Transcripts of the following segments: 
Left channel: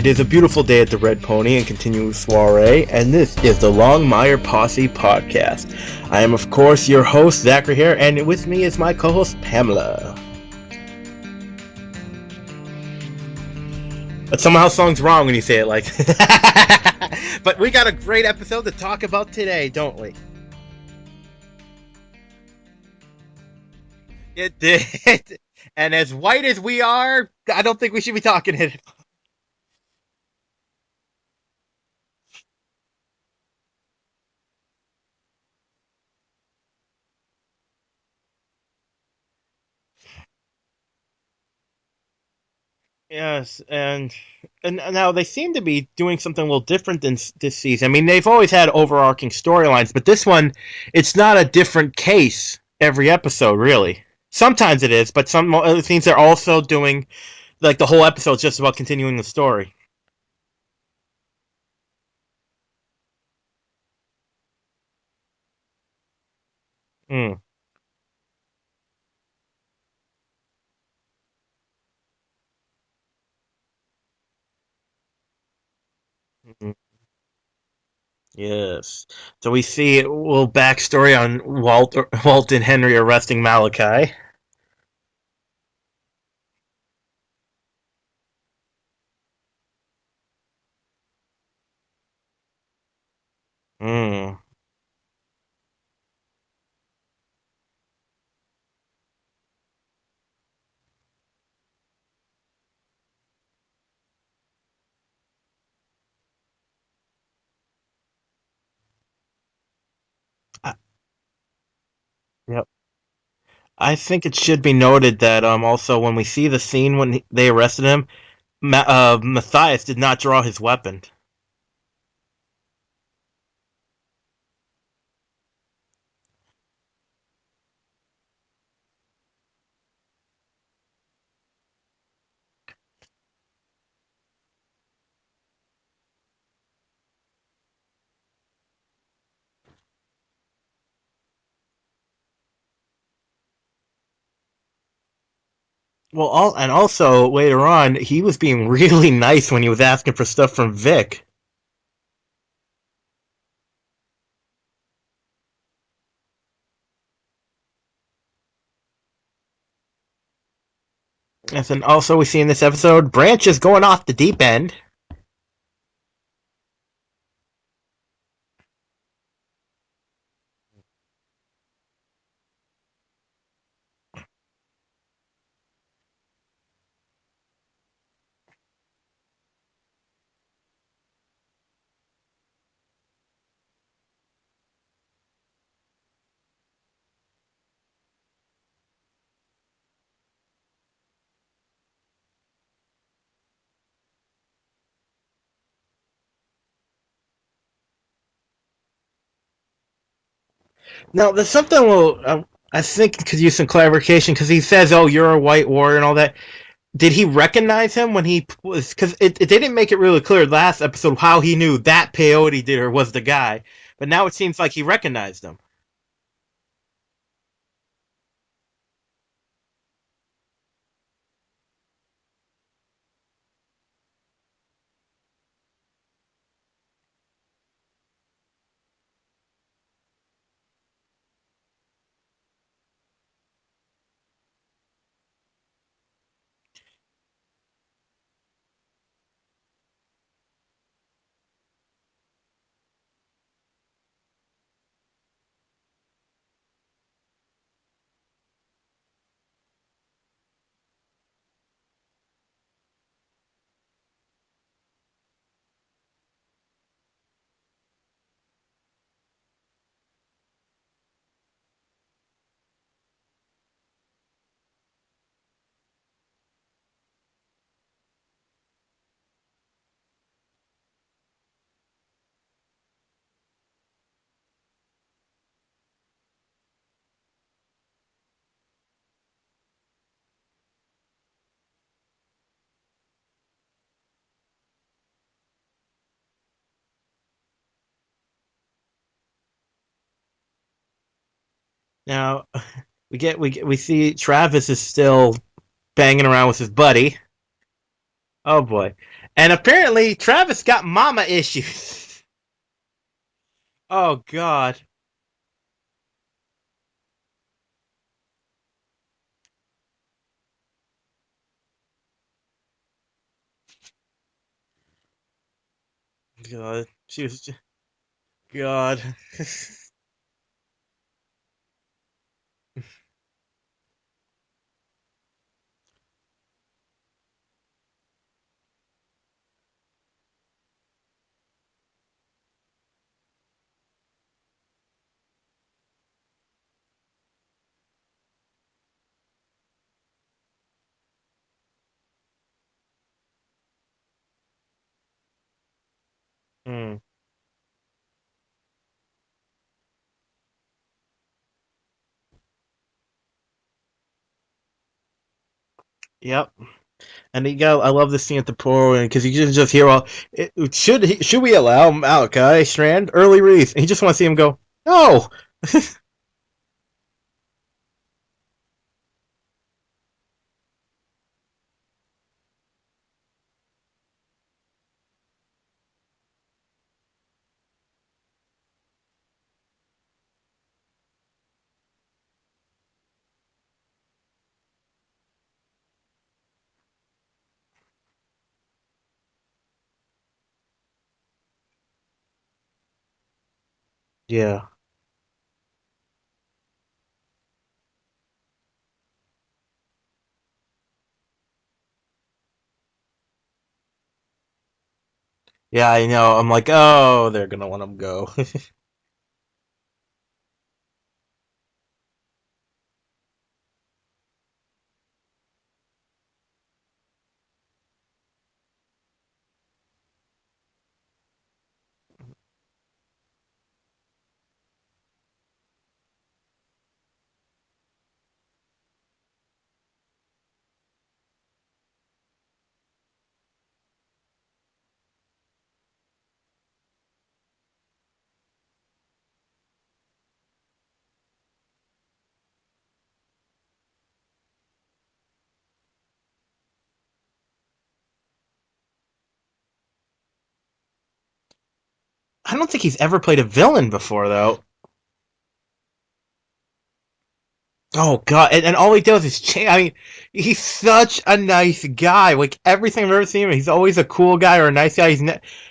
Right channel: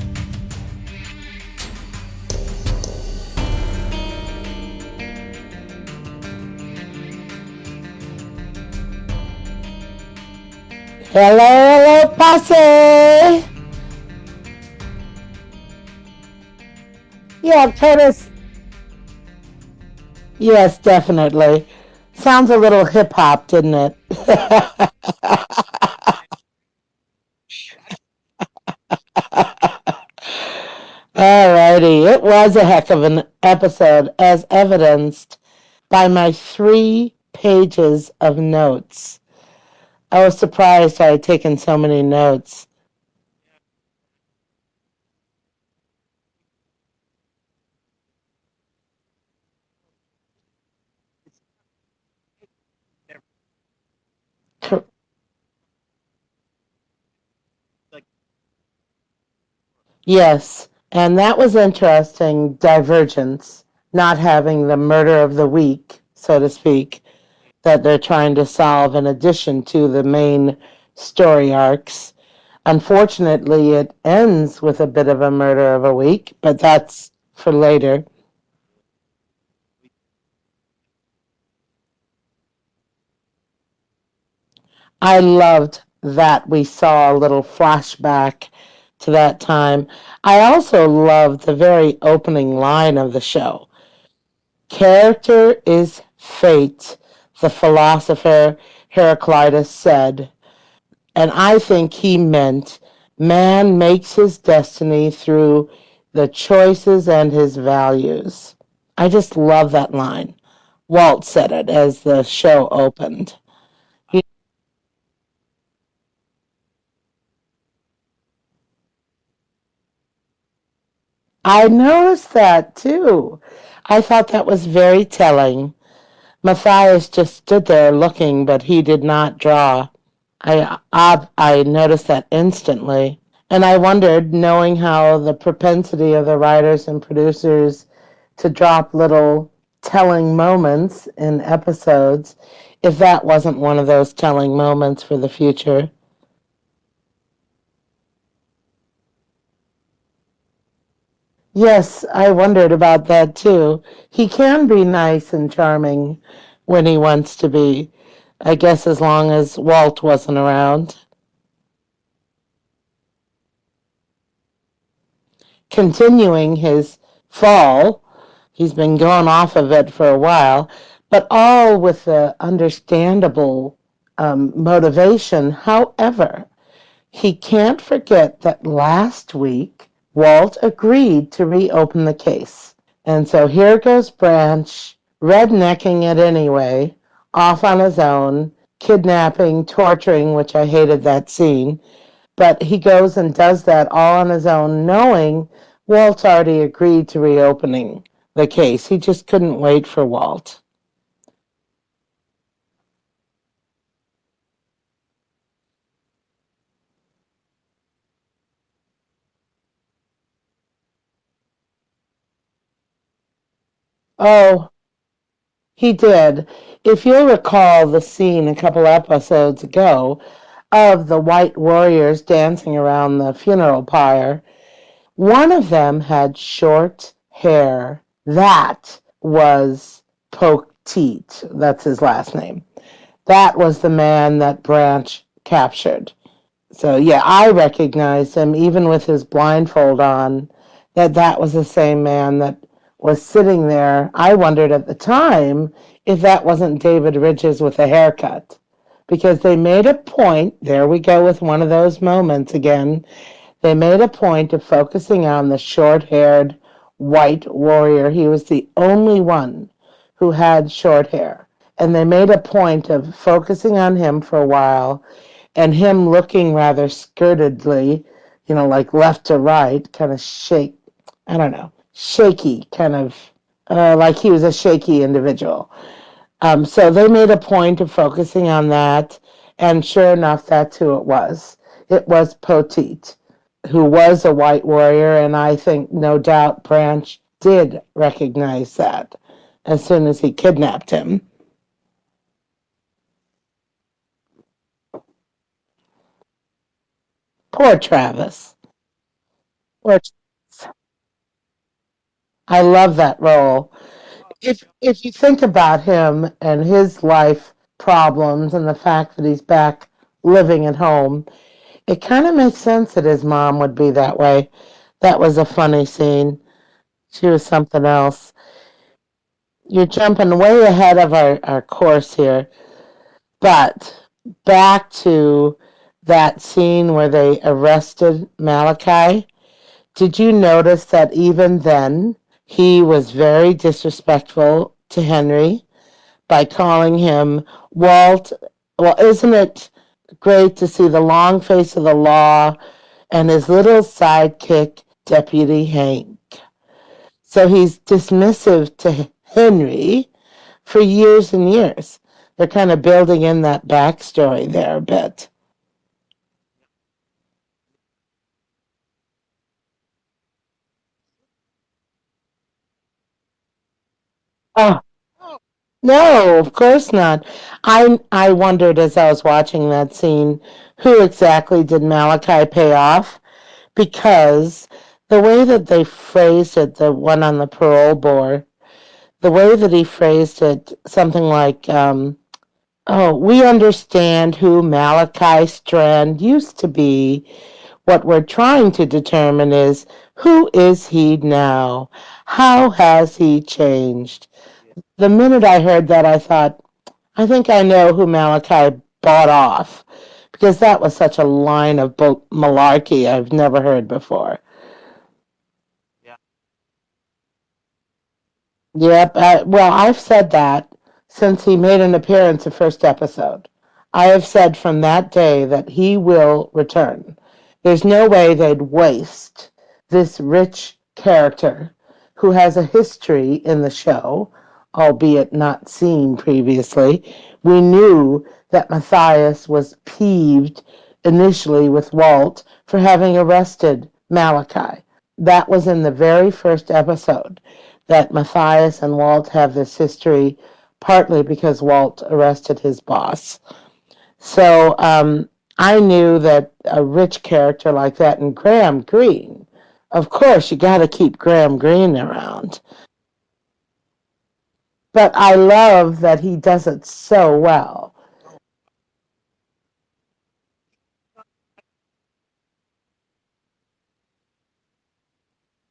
It is a beautiful day at the Red Pony and continuing soiree, and this is the Longmire Posse Podcast. I am, of course, your host, Zachary here, and with me is my co-host, Pamela. Hello, posse! But somehow song's wrong when you say it like But Yeah, we got a great episode to talk about today, don't we? Yes, definitely. Sounds a little hip-hop, didn't it? It did. And as white as we are, I don't think we should be talking it. Alrighty, it was a heck of an episode, as evidenced by my 3 pages of notes. I was surprised I had taken so many notes. Yes, and now they seem to be doing something a little different this season. I mean, they've always had overarching storylines, but this one, it's not a different case every episode, really. Sometimes it is, but it seems they're also doing like the whole episode's just about continuing the story. Yes, and that was interesting, divergence, not having the murder of the week, so to speak, that they're trying to solve in addition to the main story arcs. Unfortunately, it ends with a bit of a murder of a week, but that's for later. Yes. So we see a little backstory on Walt and Henry arresting Malachi. I loved that we saw a little flashback to that time. I also loved the very opening line of the show. Character is fate, the philosopher Heraclitus said. And I think he meant man makes his destiny through the choices and his values. I just love that line. Walt said it as the show opened. I think it should be noted that also when we see the scene when they arrested him, Matthias did not draw his weapon. I noticed that too. I thought that was very telling. Matthias just stood there looking, but he did not draw. I noticed that instantly. And I wondered, knowing how the propensity of the writers and producers to drop little telling moments in episodes, if that wasn't one of those telling moments for the future. Well, and also later on, he was being really nice when he was asking for stuff from Vic. Yes, I wondered about that too. He can be nice and charming when he wants to be. I guess as long as Walt wasn't around. Yes, and also we see in this episode, Branch is going off the deep end. Continuing his fall. He's been going off of it for a while, but all with the understandable motivation. However, he can't forget that last week Walt agreed to reopen the case. And so here goes Branch, rednecking it anyway, off on his own, kidnapping, torturing, which I hated that scene. But he goes and does that all on his own, knowing Walt already agreed to reopening the case. He just couldn't wait for Walt. Now, there's something I think could use some clarification because he says, "Oh, you're a white warrior" and all that. Did he recognize him when he was? Because they didn't make it really clear last episode how he knew that peyote dealer was the guy, but now it seems like he recognized him. He did. If you'll recall the scene a couple episodes ago of the white warriors dancing around the funeral pyre, one of them had short hair. That was Poteet. That's his last name. That was the man that Branch captured. So, yeah, I recognized him even with his blindfold on, that was the same man that was sitting there. I wondered at the time if that wasn't David Ridges with a haircut, because they made a point, there we go with one of those moments again, they made a point of focusing on the short-haired white warrior. He was the only one who had short hair. And they made a point of focusing on him for a while and him looking rather skirtedly, like left to right, kind of shaky, kind of like he was a shaky individual. So they made a point of focusing on that, and sure enough, that's who it was. It was Poteet, who was a white warrior, and I think no doubt Branch did recognize that as soon as he kidnapped him. Now, we see Travis is still banging around with his buddy. Poor Travis. Oh boy. And But apparently, Travis got mama issues. I love that role. Oh If God. if you think about him and his life problems and the fact that he's back living at home, it kind of makes sense that his mom would be that way. That was a funny scene. God. She She was was. something else. God. You're jumping way ahead of our course here. But back to that scene where they arrested Malachi. Did you notice that even then he was very disrespectful to Henry by calling him Walt? Well, isn't it great to see the long face of the law and his little sidekick, Deputy Hank? Hmm. So he's dismissive to Henry for years and years. They're kind of building in that backstory there a bit. Yep. And he got. I love the scene at the pool because you can just hear all. Should we allow Malachi Strand early release? And he just want to see him go. Oh, No. no, of course not. I wondered as I was watching that scene, who exactly did Malachi pay off? Because the way that they phrased it, the one on the parole board, the way that he phrased it, something like, "Oh, we understand who Malachi Strand used to be. What we're trying to determine is who is he now? How has he changed?" Yeah. The minute I heard that, I thought, I think I know who Malachi bought off, because that was such a line of malarkey I've never heard before. Yeah, I know. I'm like, oh, they're gonna let him go. Yep. Well, I've said that since he made an appearance the first episode. I have said from that day that he will return. There's no way they'd waste this rich character who has a history in the show, albeit not seen previously. We knew that Matthias was peeved initially with Walt for having arrested Malachi. That was in the very first episode that Matthias and Walt have this history, partly because Walt arrested his boss. So I knew that a rich character like that, and Graham Greene, of course, you got to keep Graham Greene I around. don't think he's ever played a villain before, though. But I love that he does it so well. Oh God! And all he does is change. I mean, he's such a nice guy. Like everything I've ever seen him, he's always a cool guy or a nice guy.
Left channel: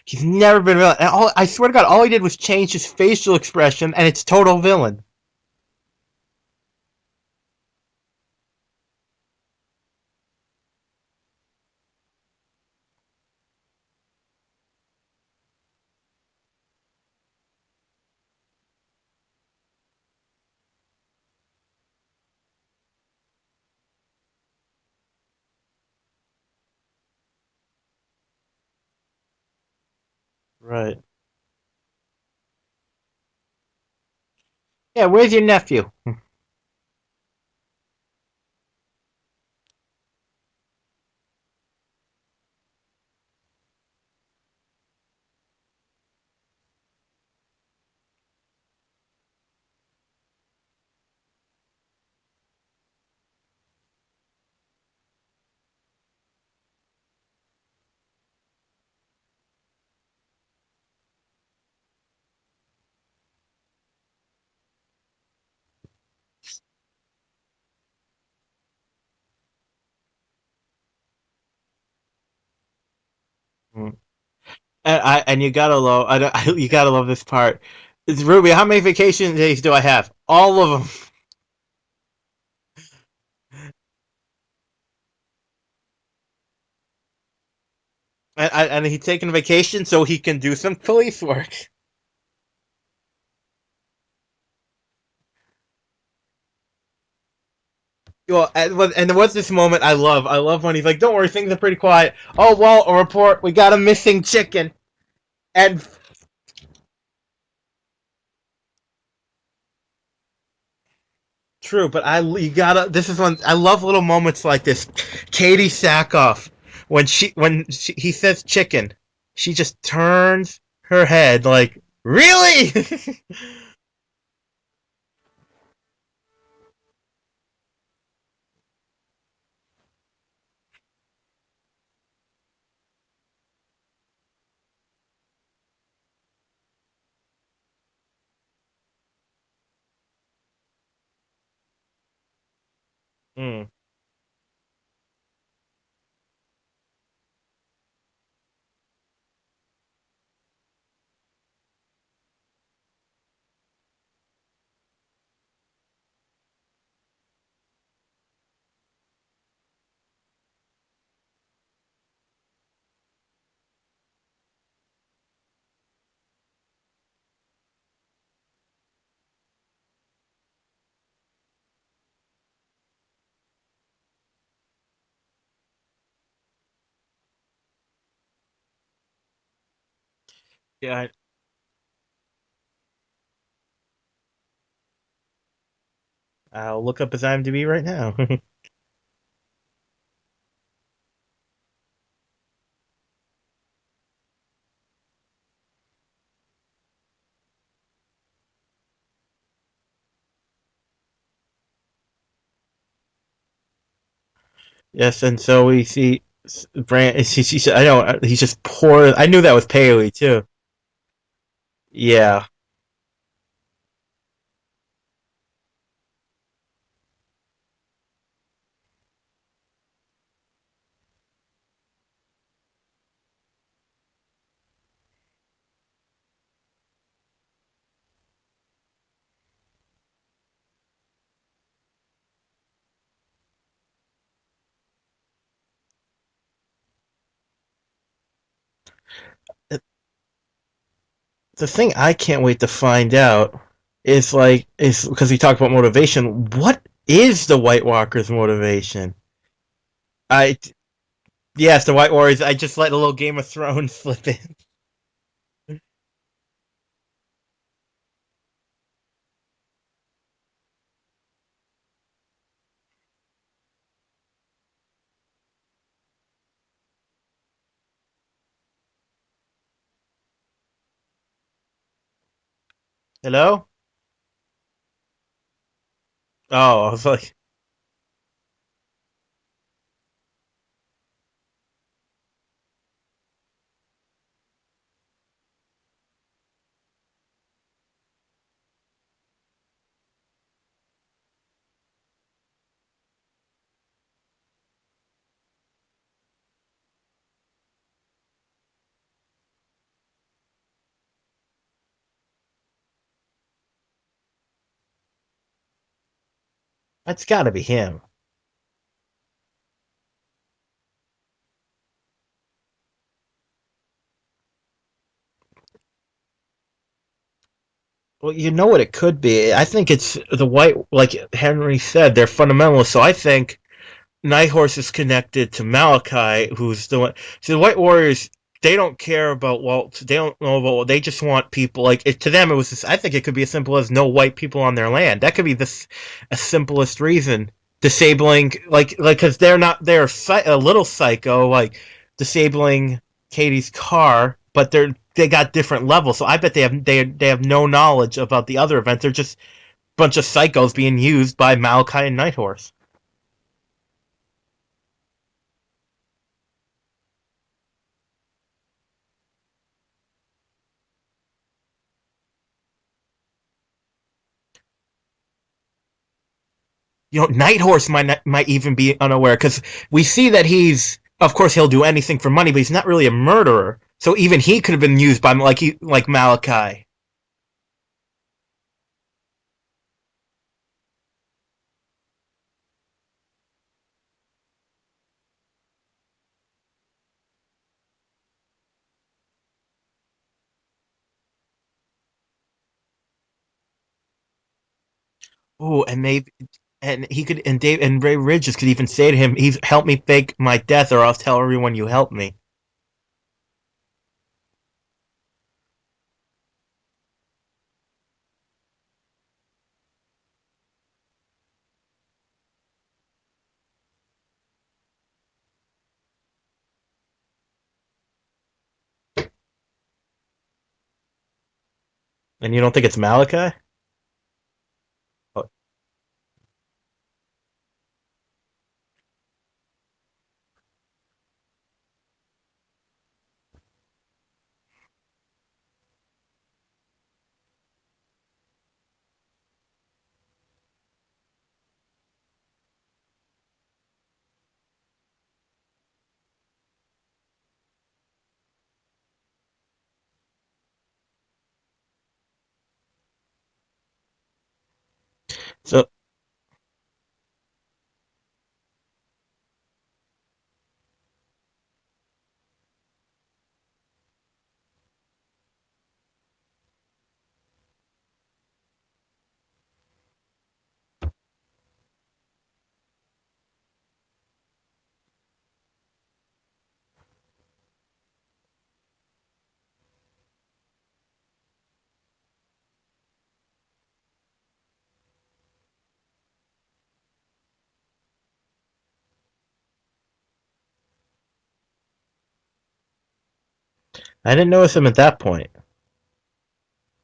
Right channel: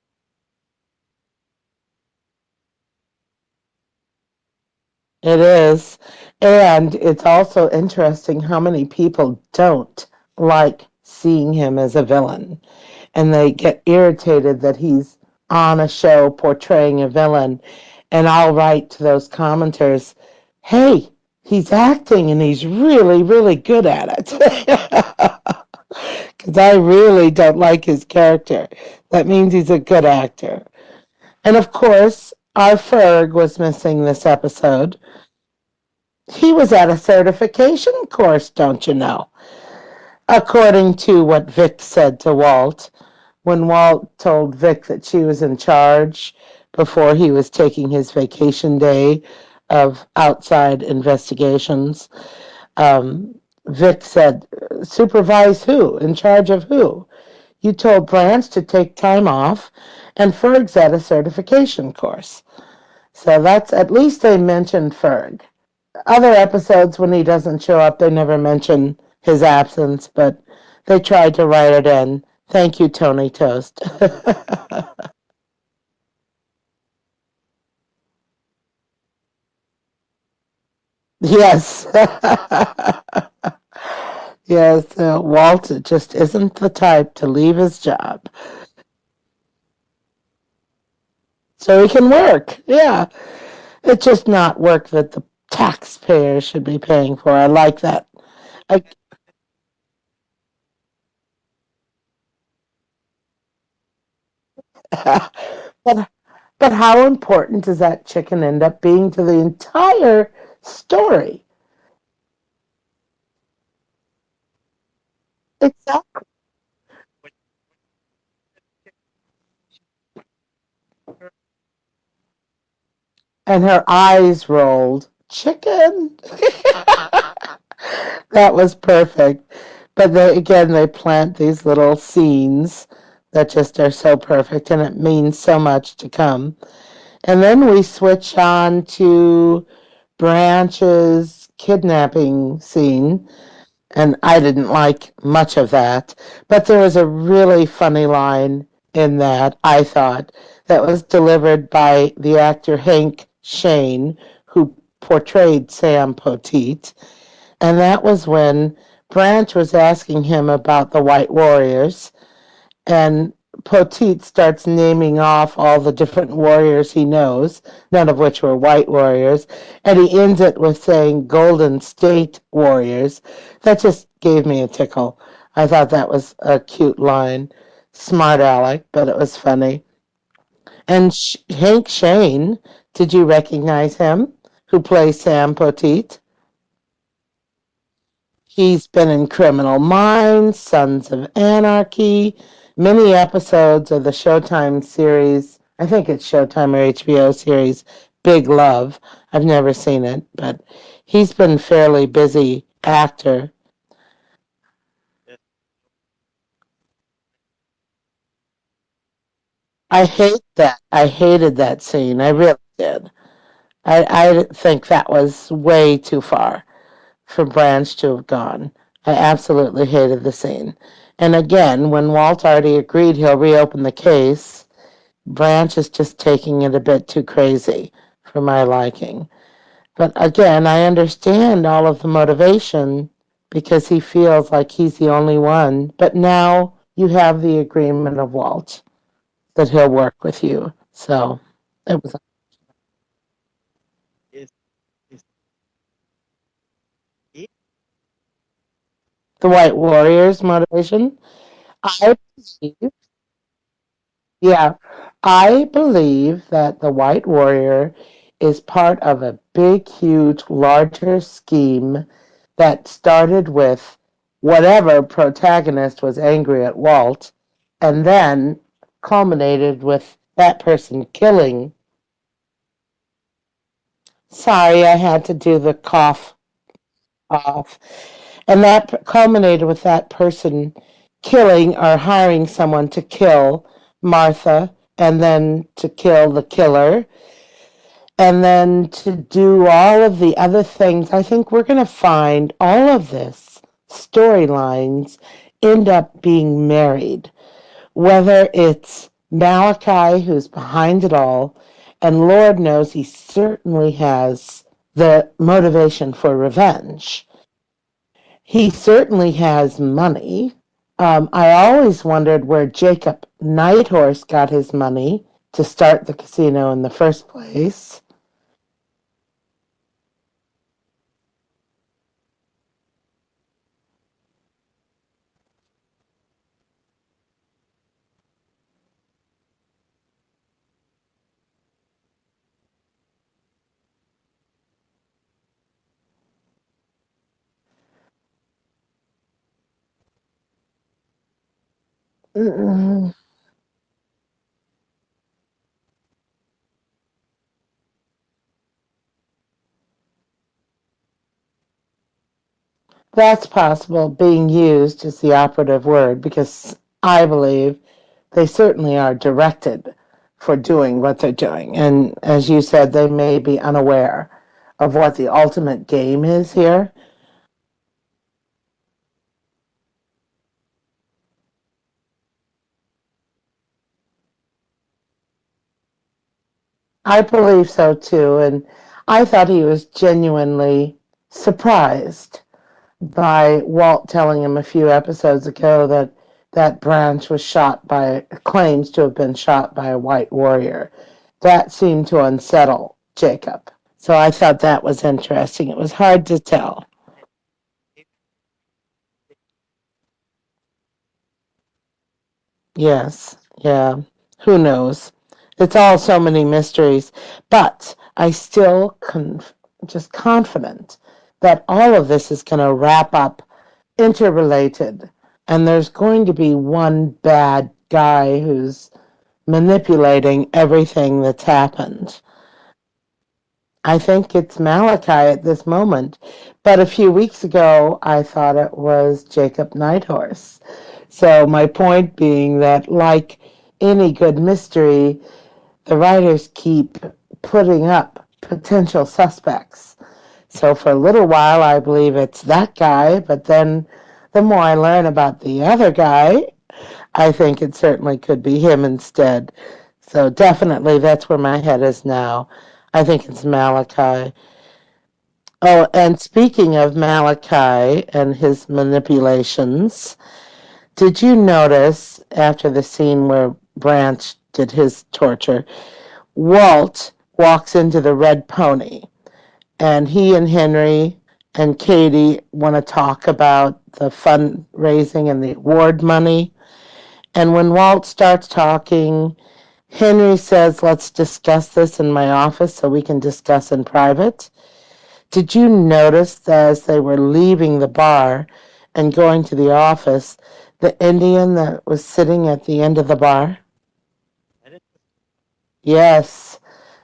He's never been a villain. And I swear to God, all he did was change his facial expression, and it's total villain. It is. And it's also interesting how many people don't like seeing him as a villain. And they get irritated that he's on a show portraying a villain. And I'll write to those commenters, hey, he's acting and he's really, really good at it. Because I really don't like his character. That means he's a good actor. Right. And of course, our Ferg was missing this episode. Yeah. Where's your nephew? He was at a certification course, don't you know? According to what Vic said to Walt, when Walt told Vic that she was in charge before he was taking his vacation day of outside investigations, um, Vic said, supervise who? In charge of who? You told Blanche to take time off, and Ferg's at a certification course. So that's at least they mentioned Ferg. Other episodes, when he doesn't show up, they never mention his absence, but they tried to write it in. Thank you, Tony Toast. Mm. And you gotta love. You gotta love this part. It's Ruby. How many vacation days do I have? All of them. Yes. Yes, Walt just isn't the type to leave his job. And he's taking vacation so he can do some police work. So he can work. Yeah. It's just not work that the taxpayers should be paying for. I like that. Well, I, and there was this moment I love. I love when he's like, "Don't worry, things are pretty quiet." Oh well, a report. We got a missing chicken. And but but how important does that chicken end up being to the entire story? true, but you gotta. This is when I love little moments like this. Katie Sackhoff, he says chicken, she just turns her head like, really? And her eyes rolled. Chicken. That was perfect. But they again they plant these little scenes that just are so perfect, and it means so much to come. And then we switch on to Branch's kidnapping scene, Hmm. and I didn't like much of that. But there was a really funny line in that, I thought, that was delivered by the actor Hank Shane, who portrayed Sam Poteet. And that was when Branch was asking him about the White Warriors, and Poteet starts naming off all the different warriors he knows, none of which were white warriors, and he ends it with saying Golden State Warriors. That just gave me a tickle. I thought that was a cute line. Smart Alec, but it was funny. Yeah, And Hank Shane, did you recognize him? Who plays Sam Poteet? I'll look up his IMDb right now. He's been in Criminal Minds, Sons of Anarchy, many episodes of the Showtime series. I think it's Showtime or HBO series, Big Love. I've never seen it, but he's been fairly busy actor. Yes, and so we see Brand. I know he's just poor. I knew that was I Paley hate too. that. I hated that scene. I Yeah, really did. I think that was way too far for Branch to have gone. I absolutely hated the scene. And again, when Walt already agreed he'll reopen the case, Branch is just taking it a bit too crazy for my liking. But again, I understand all of the motivation because he feels like he's the only one. But now you have the agreement of Walt that the, he'll work with you. So the thing it I was can't wait to find out is because we talked about motivation. What is the White Walker's motivation? the White Warriors I motivation. Yes, the White I Warriors. I just let a little Game of Thrones slip in. Yeah, I believe that the White Warrior is part of a big, huge, larger scheme that started with whatever protagonist was angry at Walt and then culminated with that person killing. Hello? Sorry, I had to do the cough Oh, I was like, off. And that culminated with that person killing or hiring someone to kill Martha and then to kill the killer and then to do all of the other things. I think we're going to find all of this storylines end up being married, whether it's Malachi who's behind it all, and Lord knows he certainly has the motivation for that's revenge. got to be him. He certainly has money. I always wondered where Jacob Nighthorse got his money to start the casino in the first place. Well, you know what it could be. I think it's the White, like Henry said, they're fundamentalists. So I think Nighthorse is connected to Malachi, who's the one. See, the White Warriors, they don't care about Walt. They don't know about. They just want people. Like to them, it was. I think it could be as simple as no white people on their land. That could be this a simplest reason. Disabling, because they're not. They're a little psycho, like disabling Mm, Katie's car, but they got different levels. So I bet they have no knowledge about the other events. They're just a bunch of psychos being used by Malachi and Nighthorse. that's possible. Being used is the operative word because I believe they certainly are directed for doing what they're doing. And as you said, they may be unaware of what the ultimate game is here. Nighthorse might even be unaware because we see that of course he'll do anything for money, but he's not really a murderer. So even he could have been used by like Malachi. I believe so too. And I thought he was genuinely surprised by Walt telling him a few episodes ago that that Branch was shot by, claims to have been shot by a white warrior. That seemed to unsettle Jacob. So I thought that was interesting. It Ooh, was hard to tell. and he could and Dave and Ray Ridges could even say to him, "He's help me fake my death, or I'll tell everyone you helped me." Yes, yeah. Who knows? It's all so many mysteries. But I still just confident that all of this is going to wrap up interrelated. And there's going to be one bad guy who's manipulating everything that's happened. And you don't think it's Malachi? I think it's Malachi at this moment. But a few weeks ago, I thought it was Jacob Nighthorse. So my point being that, like any good mystery, the writers keep putting up potential suspects. So for a little while, I believe it's that guy, but then the more I learn about the other guy, I think it certainly could be him instead. So definitely that's where my head is now. I think it's Malachi. So Oh, and speaking of Malachi and his manipulations, did you notice after the scene where Branch did his torture, Walt walks into the red pony and he and Henry and Katie want to talk about the fundraising and the award money. And when Walt starts talking, Henry says, "Let's discuss this in my office so we can discuss in private." Did you notice that as they were leaving the bar and going to the office, the Indian that was sitting at the end of the bar? I didn't notice him at that point. Yes,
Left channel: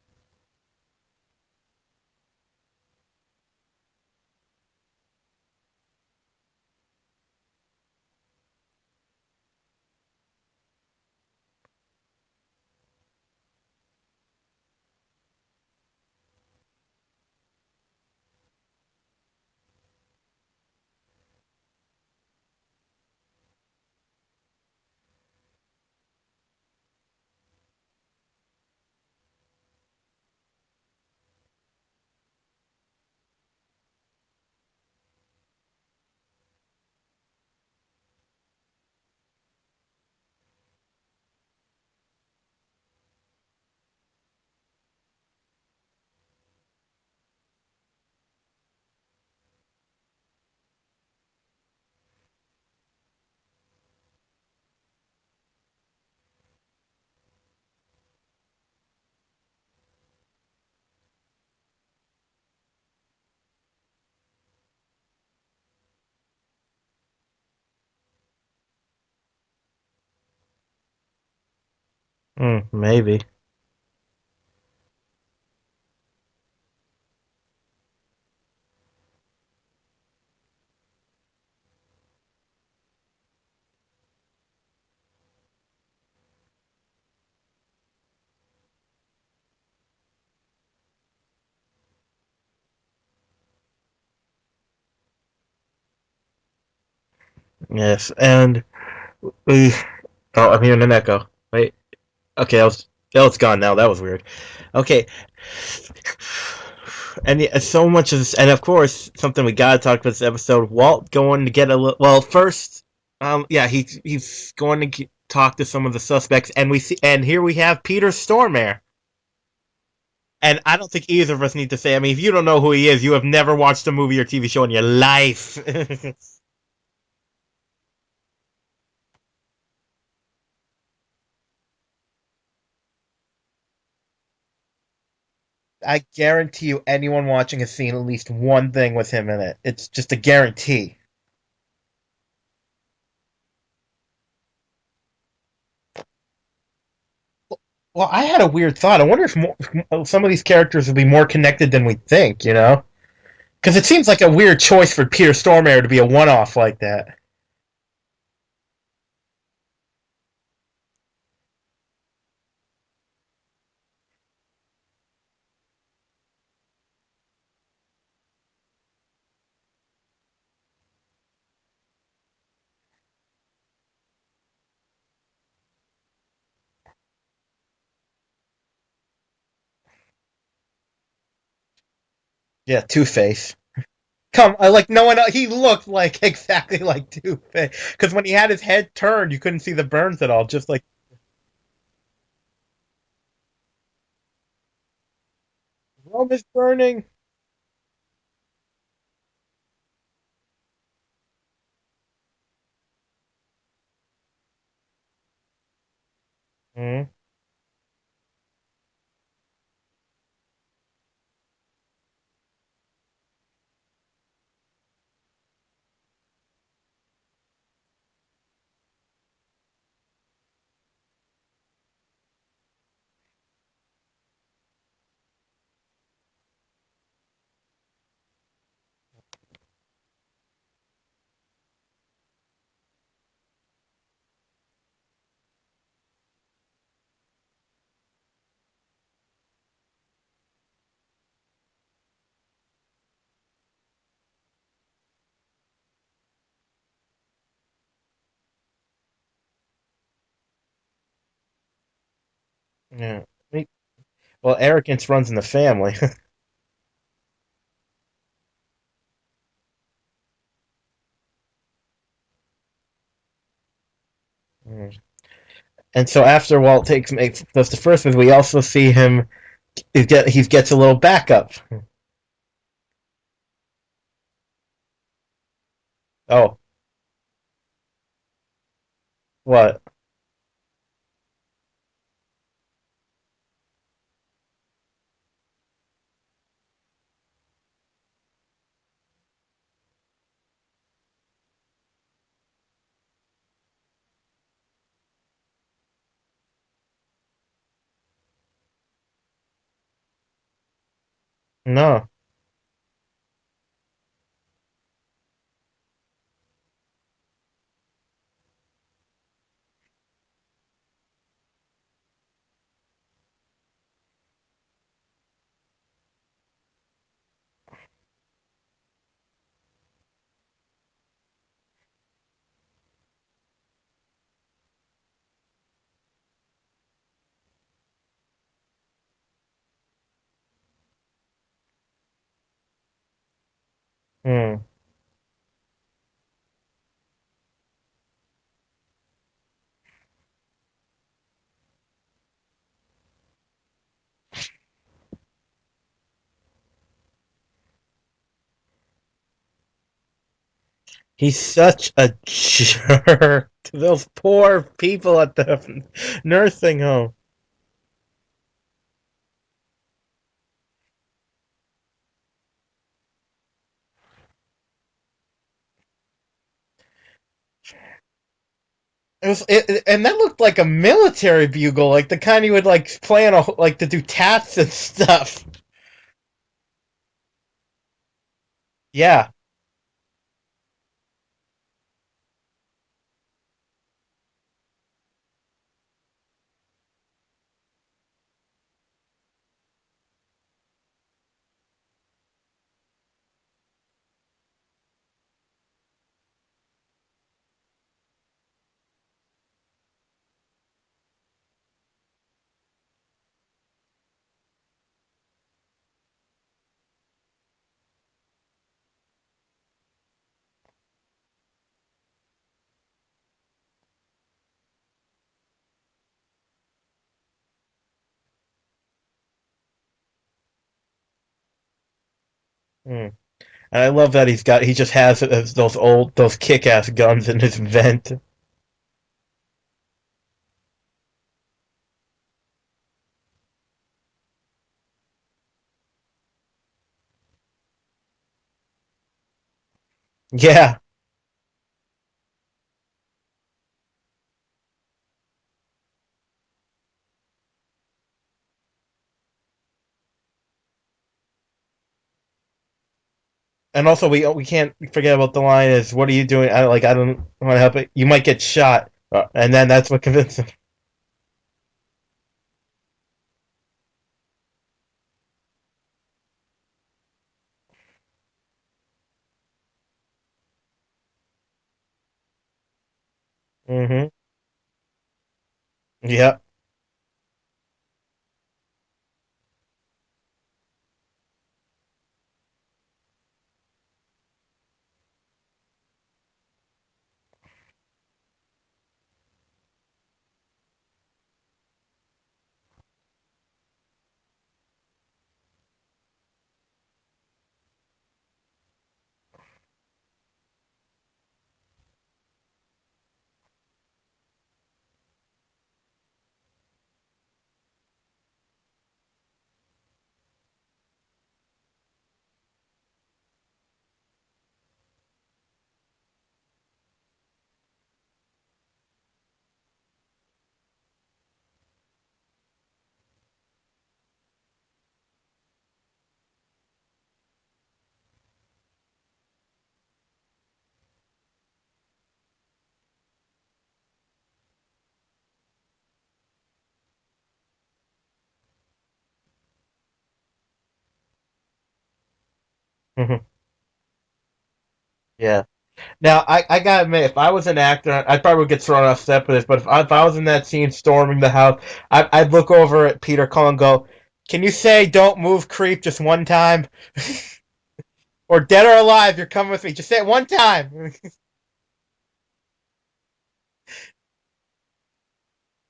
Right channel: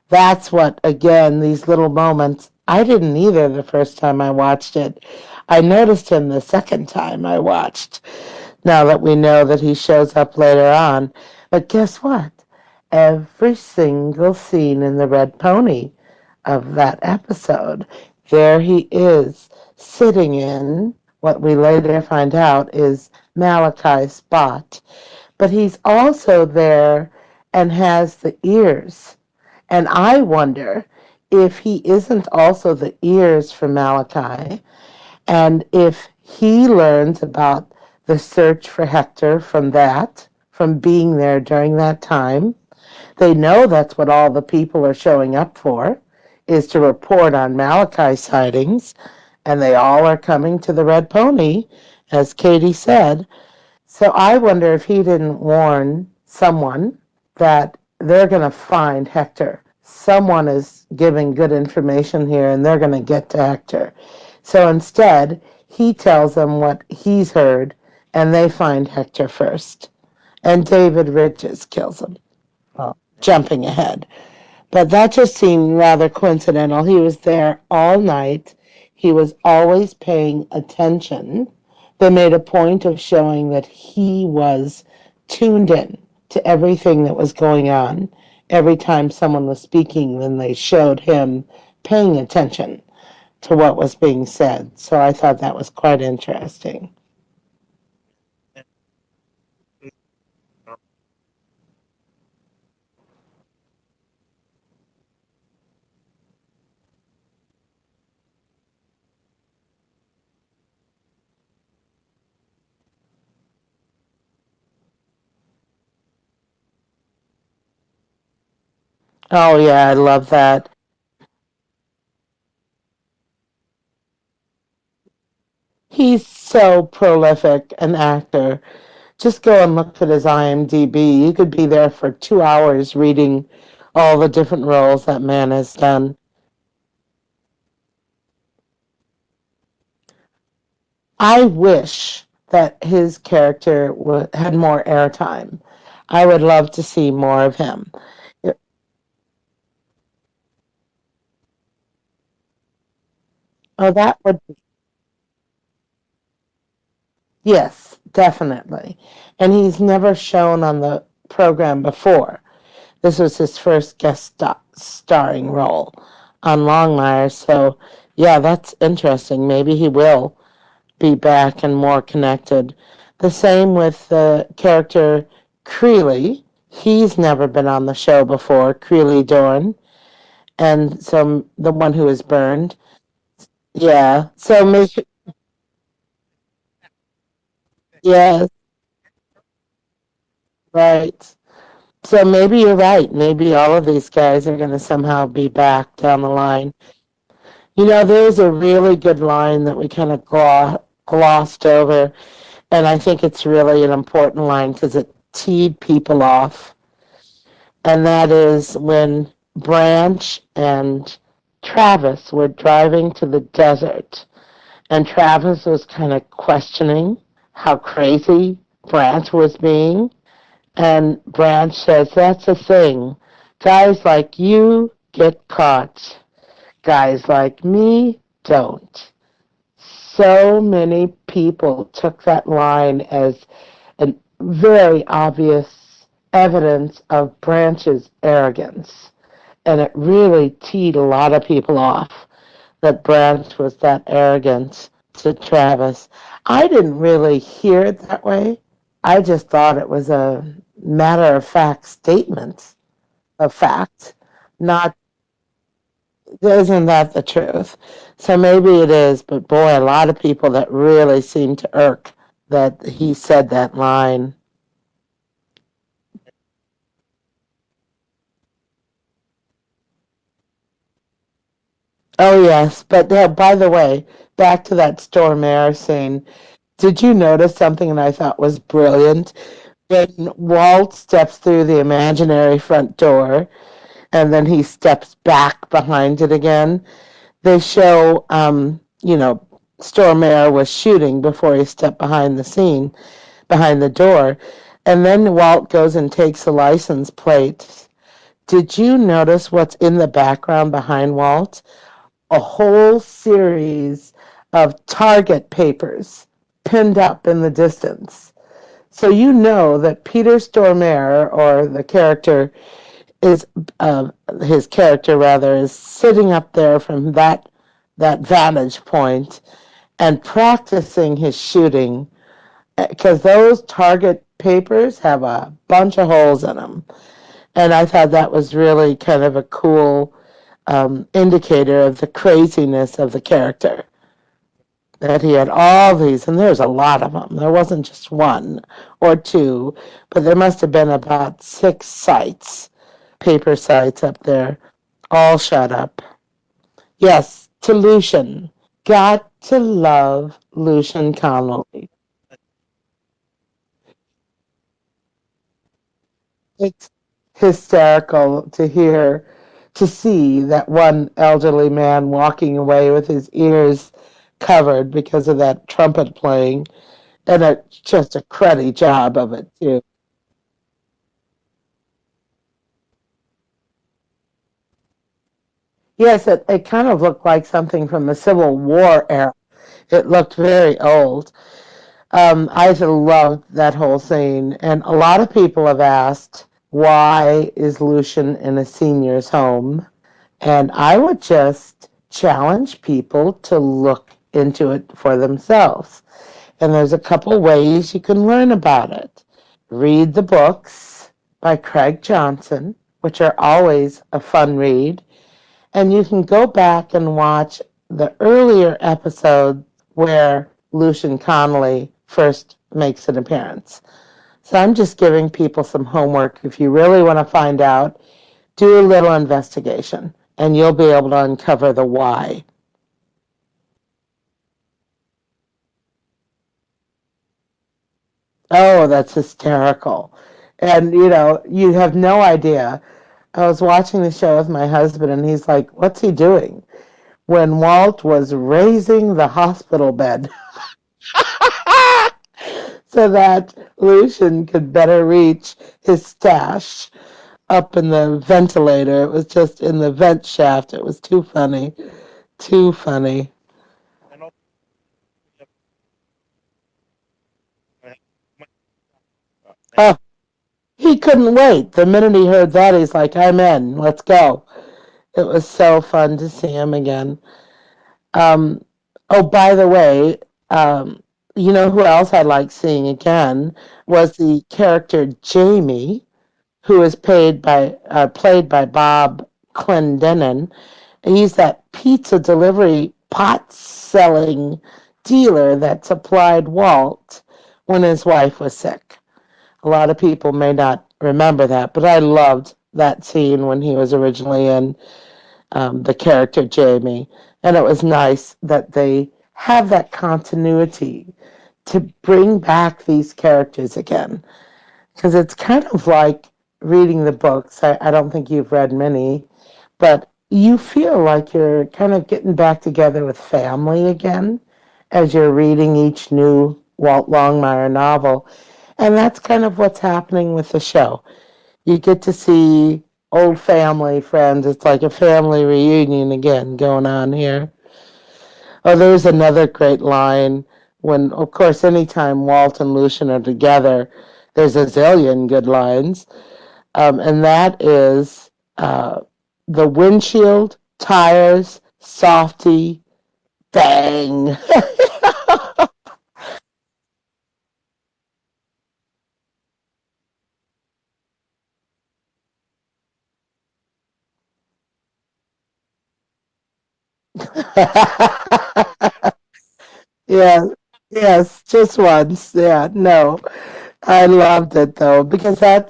that's what, again, these little moments. I didn't either the first time I watched it. I noticed him the second time I watched, now that we know that he shows up later on. But guess what? Every single scene in the Red Pony of that episode, there he is, sitting in what we later find out is Malachi's spot. But he's also there and has the ears. And I wonder if he isn't also the ears for Malachi, and if he learns about the search for Hector from that, from being there during that time. They know that's what all the people are showing up for, is to report on Malachi sightings, and they all are coming to the Red Pony, as Katie said. So I wonder if he didn't warn someone that they're going to find Hector. Someone is giving good information here and they're going to get to Hector. So instead, he tells them what he's heard and they find Hector first. And David Ridges kills him. Maybe. Jumping ahead. But that just seemed rather coincidental. He was there all night. He was always paying attention. They made a point of showing that he was tuned in to everything that was going on. Every time someone was speaking, then they showed him paying attention to what was being said. So I thought that was quite interesting. Yes, and we. Oh, I'm hearing an echo. Wait. Okay, it's gone now. That was weird. Okay, and so much of this, and of course, something we gotta talk about this episode. Walt going to get a little. Well, first, yeah, he's going to talk to some of the suspects, and we see, and here we have Peter Stormare. Oh, yeah, I love And that. I don't think either of us need to say. I mean, if you don't know who he is, you have never watched a movie or TV show in your life. He's so prolific an actor. Just go and look at his IMDb. You could be there for 2 hours reading all the different roles that man has I done. guarantee you, anyone watching has seen at least one thing with him in it. It's just a guarantee. I wish that his character had more airtime. I would love to see more of him. Well, I had a weird thought. I wonder if some of these characters will be more connected than we think. Because it Oh, seems that like a would, weird choice for Peter Stormare to be a one-off like that. yes, definitely. And he's never shown on the program before. This was his first starring role on Longmire. So, yeah, that's interesting. Maybe he will be back and more connected. The same with the character Creeley. He's never been on the show before, Creeley Dorn, and so the one who is burned. Yeah, Two Face. Yeah. Come, So like maybe, no one. He looked like exactly like Two Face. Because when he yeah, had his head turned, you couldn't see the burns at all. Just like right. So maybe you're right. Maybe all of these guys are going to somehow be back down oh, the this line. burning. You know, there's a really good line that we kind of glossed over, and I think it's really an important line because it teed people off. Mm. And that is when Branch and Travis were driving to the desert, and Travis was kind of questioning how crazy Branch was being. And Branch says, "That's the thing. Guys like you get caught. Guys like me don't." So many people took that line as very obvious evidence of Branch's arrogance. And it really teed a lot of people off that Branch was that arrogant to Travis. I didn't really hear it that way. I just thought it was a matter of fact statement Yeah. of fact, Well, not arrogance runs in the family. isn't that the truth? So maybe it is, but boy, a lot of people that really seem to irk that he said that line. And so after Walt does the first one, we also see him. He gets a little backup. Oh yes, but by the way, back to that Storm Air scene. Oh, Did you notice something that I thought was brilliant? what? When Walt steps through the imaginary front door and then he steps back behind it again, they show, Stormare was shooting before he stepped behind the scene, behind the door. And then Walt goes and takes the license plate. Did you notice what's in the background behind Walt? No. A whole series of Target papers pinned up in the distance. So you know that Peter Stormare, or the character, is his character rather, is sitting up there from that vantage point and practicing his shooting because those target papers have a bunch of holes in them. And I thought that was really kind of a cool indicator of the craziness of the character. Hmm. That he had all these, and there's a lot of them. There wasn't just one or two, but there must have been about 6 sites, paper sites up there, all shut up. Yes, to Lucian. Got to love Lucian He's Connolly. such a jerk to those poor people at the nursing It's home. hysterical to see that one elderly man walking away with his ears covered because of that trumpet playing, and just a cruddy job of it too. And that looked like a military bugle, like the kind you would like play on like to do taps and stuff. Yes, it kind of looked like something from the Civil War Yeah. era. It looked very old. I loved that whole scene, and a lot of people have asked, why is Lucian in a senior's home? And I would just challenge people to look into it for themselves. And there's a couple ways you can learn about it. Read the books by Craig Johnson, which are always a fun read. And you can go back and watch the earlier episode where Lucian Connolly first makes an appearance. So I'm just giving people some homework. If you really want to find out, do a little investigation and you'll be able to uncover the why. Hmm. And I love that he just has those kick-ass guns in his vent. Oh, that's hysterical. And you have no idea. I was watching the show with my husband and he's like, what's he doing? When Walt was raising the hospital bed Yeah. so that Lucian could better reach his stash up in the ventilator. It was just in the vent shaft. It was too funny. Too funny. And also we can't forget about the line is what are you doing? I don't want to help it. You might get shot. And then that's Oh, what convinced him. he couldn't wait. The minute he heard that, he's like, I'm in. Let's go. It was so fun to see him again. Um, oh, by the way, you know who else I like seeing again Hmm. was the character Jamie, Yeah. who is played by Bob Clendenin. He's that pizza delivery pot selling dealer that supplied Walt when his wife was sick. A lot of people may not remember that, but I loved that scene when he was originally in the character Jamie. And it was nice that they have that continuity to bring back these characters again. Because it's kind of like reading the books. I don't think you've read many, but you feel like you're kind of getting back together with family again as you're reading each new Walt Longmire novel. And that's kind of what's happening with the show. You get to see old family friends. It's like a family reunion again going on here. Oh, there's another great line when, of course, anytime Walt and Lucian are together, there's a zillion good lines, and that is uh, the windshield, tires, softy, Hmm. bang. Yeah. Now, I gotta admit, if I was an actor, I probably would get thrown off set for this, but if I was in that scene storming the house, I'd look over at Peter Cullen and go, "Can you say 'don't move, creep' just one time? Or dead or alive, you're coming with me. Just say it one Yeah, time." yes, just once. Yeah, no. I loved it though, because that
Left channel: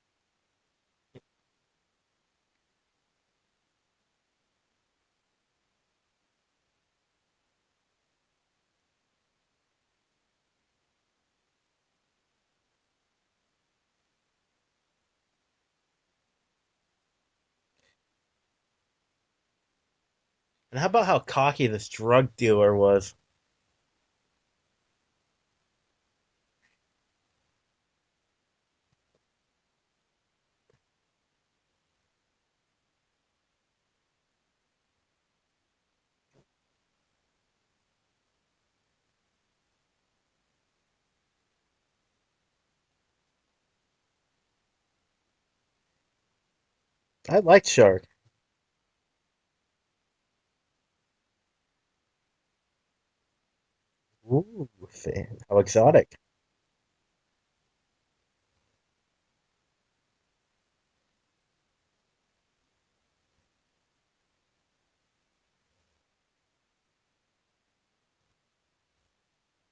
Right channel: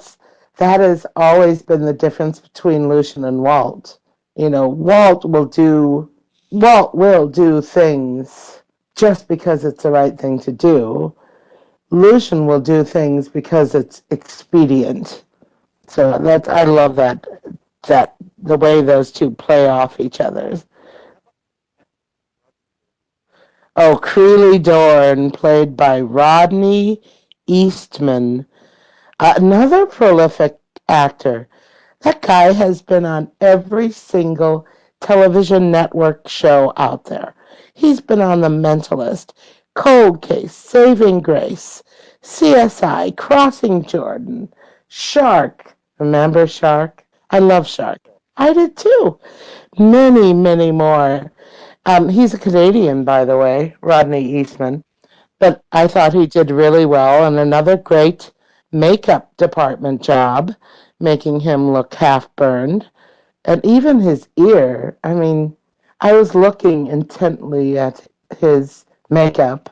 has always been the difference between Lucian and Walt. You know, Walt will do things just because it's the right thing to do. Lucian will do things because it's expedient. So that I love that the way those two play off each other. And how about how cocky this drug dealer was? Oh, Creeley Dorn, played by Rodney Eastman, another prolific actor. That guy has been on every single television network show out there. He's been on The Mentalist, Cold Case, Saving Grace, CSI, Crossing Jordan, Shark. Remember Shark? I I like love Shark. Shark. I did too. Many, many more. He's a Canadian, by the way, Rodney Ooh, Eastman. how But I thought exotic. he did really well, and another great makeup department job, making him look half burned. And even his ear, I mean, I was looking intently at his makeup,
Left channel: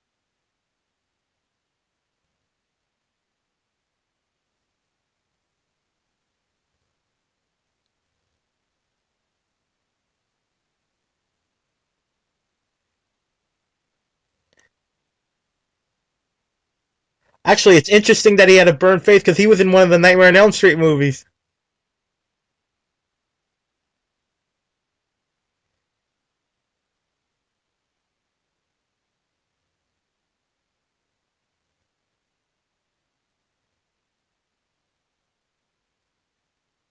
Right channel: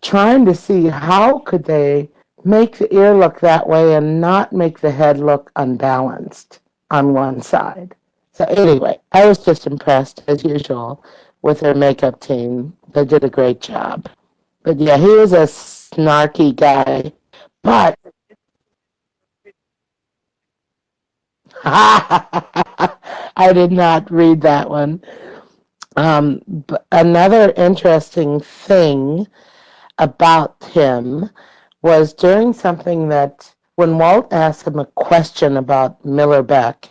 trying to see how could they make the ear look that way and not make the head look unbalanced on one side. So anyway, I was just impressed as usual with their makeup team. They did a great job. But yeah, he was a snarky guy. Actually, it's But interesting that he had a burned face because he was in one of the Nightmare on Elm Street movies. I did not read that one. But another interesting thing about him was during something that when Walt asked him a question about Miller Beck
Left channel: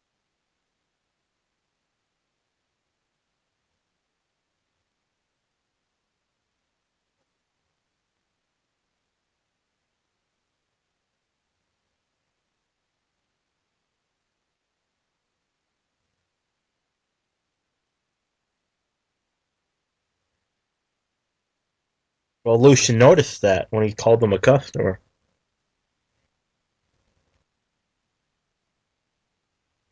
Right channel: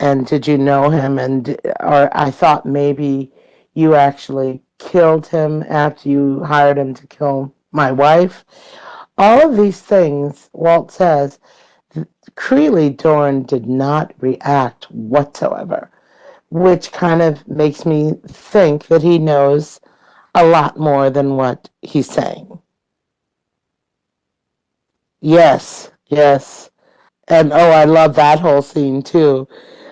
and did you know him and or I thought maybe you actually killed him after you hired him to kill my wife. All of these things, Walt says, Creeley Dorn did not react whatsoever, which kind of makes me think that he knows a lot more than what he's saying. Well, Lucian noticed that when he called him a customer. Yes, yes. And oh, I love that whole scene too.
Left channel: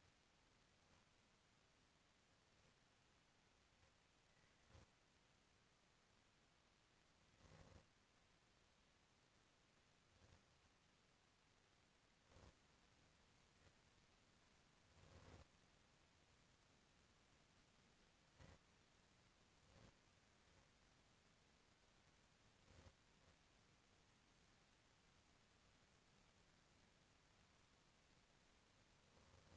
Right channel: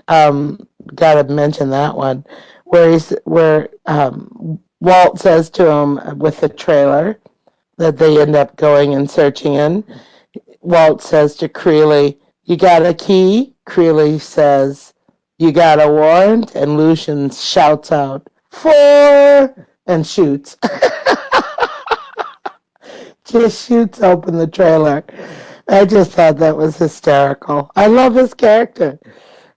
Um, Gotta mention that one where Walt says to him with the trailer that they end up going and searching in. Walt says to Creeley, "You got a key?" Creeley says, "You got a warrant?" And Lucian shouts out, "For!" and shoots. Just shoots open the trailer. I just thought that was hysterical. I love his character.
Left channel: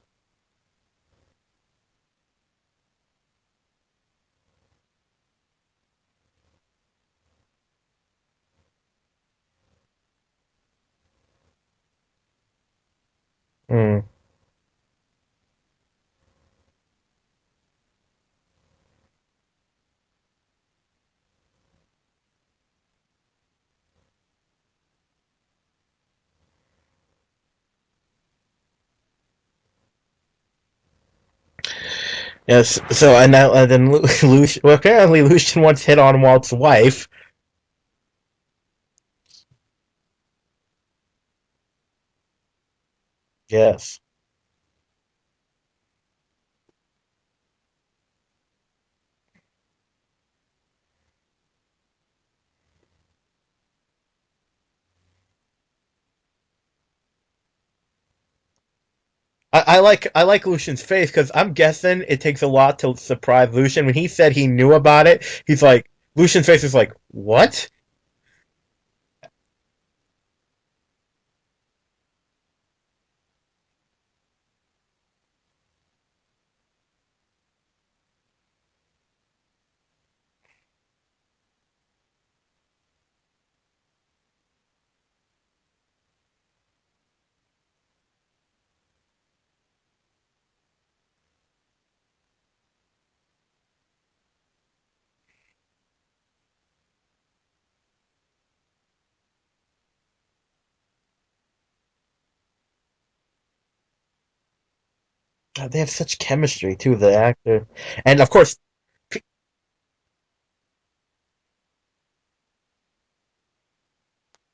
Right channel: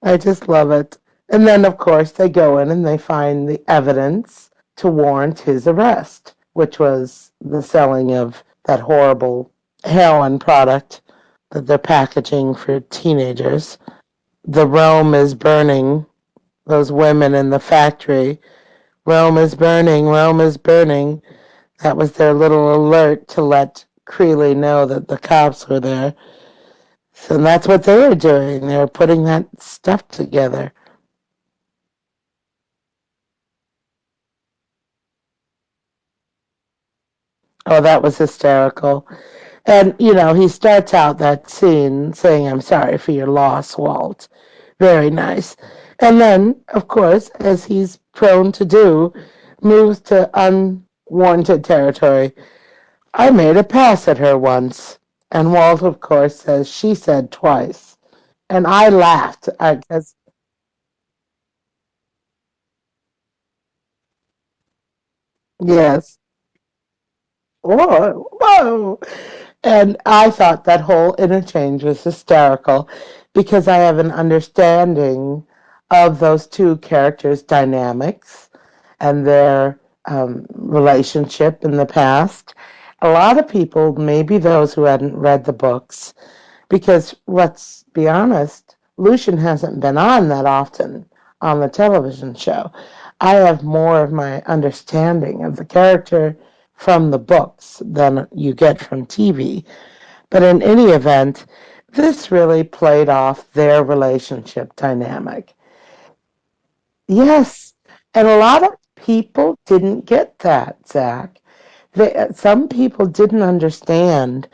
I just love it. And then, of course, they go in and they find the evidence to warrant his arrest, which was the selling of that horrible heroin product that they're packaging for teenagers. Mm. The Rome is burning. Those women in the factory. Rome is burning. Rome is burning. That was their little alert to let Creeley know that the cops were there. So that's what they were doing. They were putting that stuff together. Yes. So and then Lucian. Well, apparently Lucian once hit on Walt's wife. Oh, that was hysterical. And, he starts out that scene saying, "I'm sorry for your loss, Yes. Walt." Very nice. And then, of course, as he's prone to do, moves to unwarranted territory. "I made a pass at her once." And Walt, of course, says, "She said twice." And I laughed. Because, I like Lucian's face because I'm guessing it takes a lot to surprise Lucian. When he said he knew about it, he's like yes. Lucian's face is like, "What?" Whoa, whoa. And I thought that whole interchange was hysterical because I have an understanding of those two characters' dynamics and their relationship in the past. A lot of people, maybe those who hadn't read the books, because let's be honest, Lucian hasn't been on that often on the television show. I have more of my understanding of the character from the books than you get from TV. But in any event, this really played off their relationship dynamic. God, they have such chemistry too, the actors. Yes, And and of a course, lot of people didn't get that, Zach. Some people didn't understand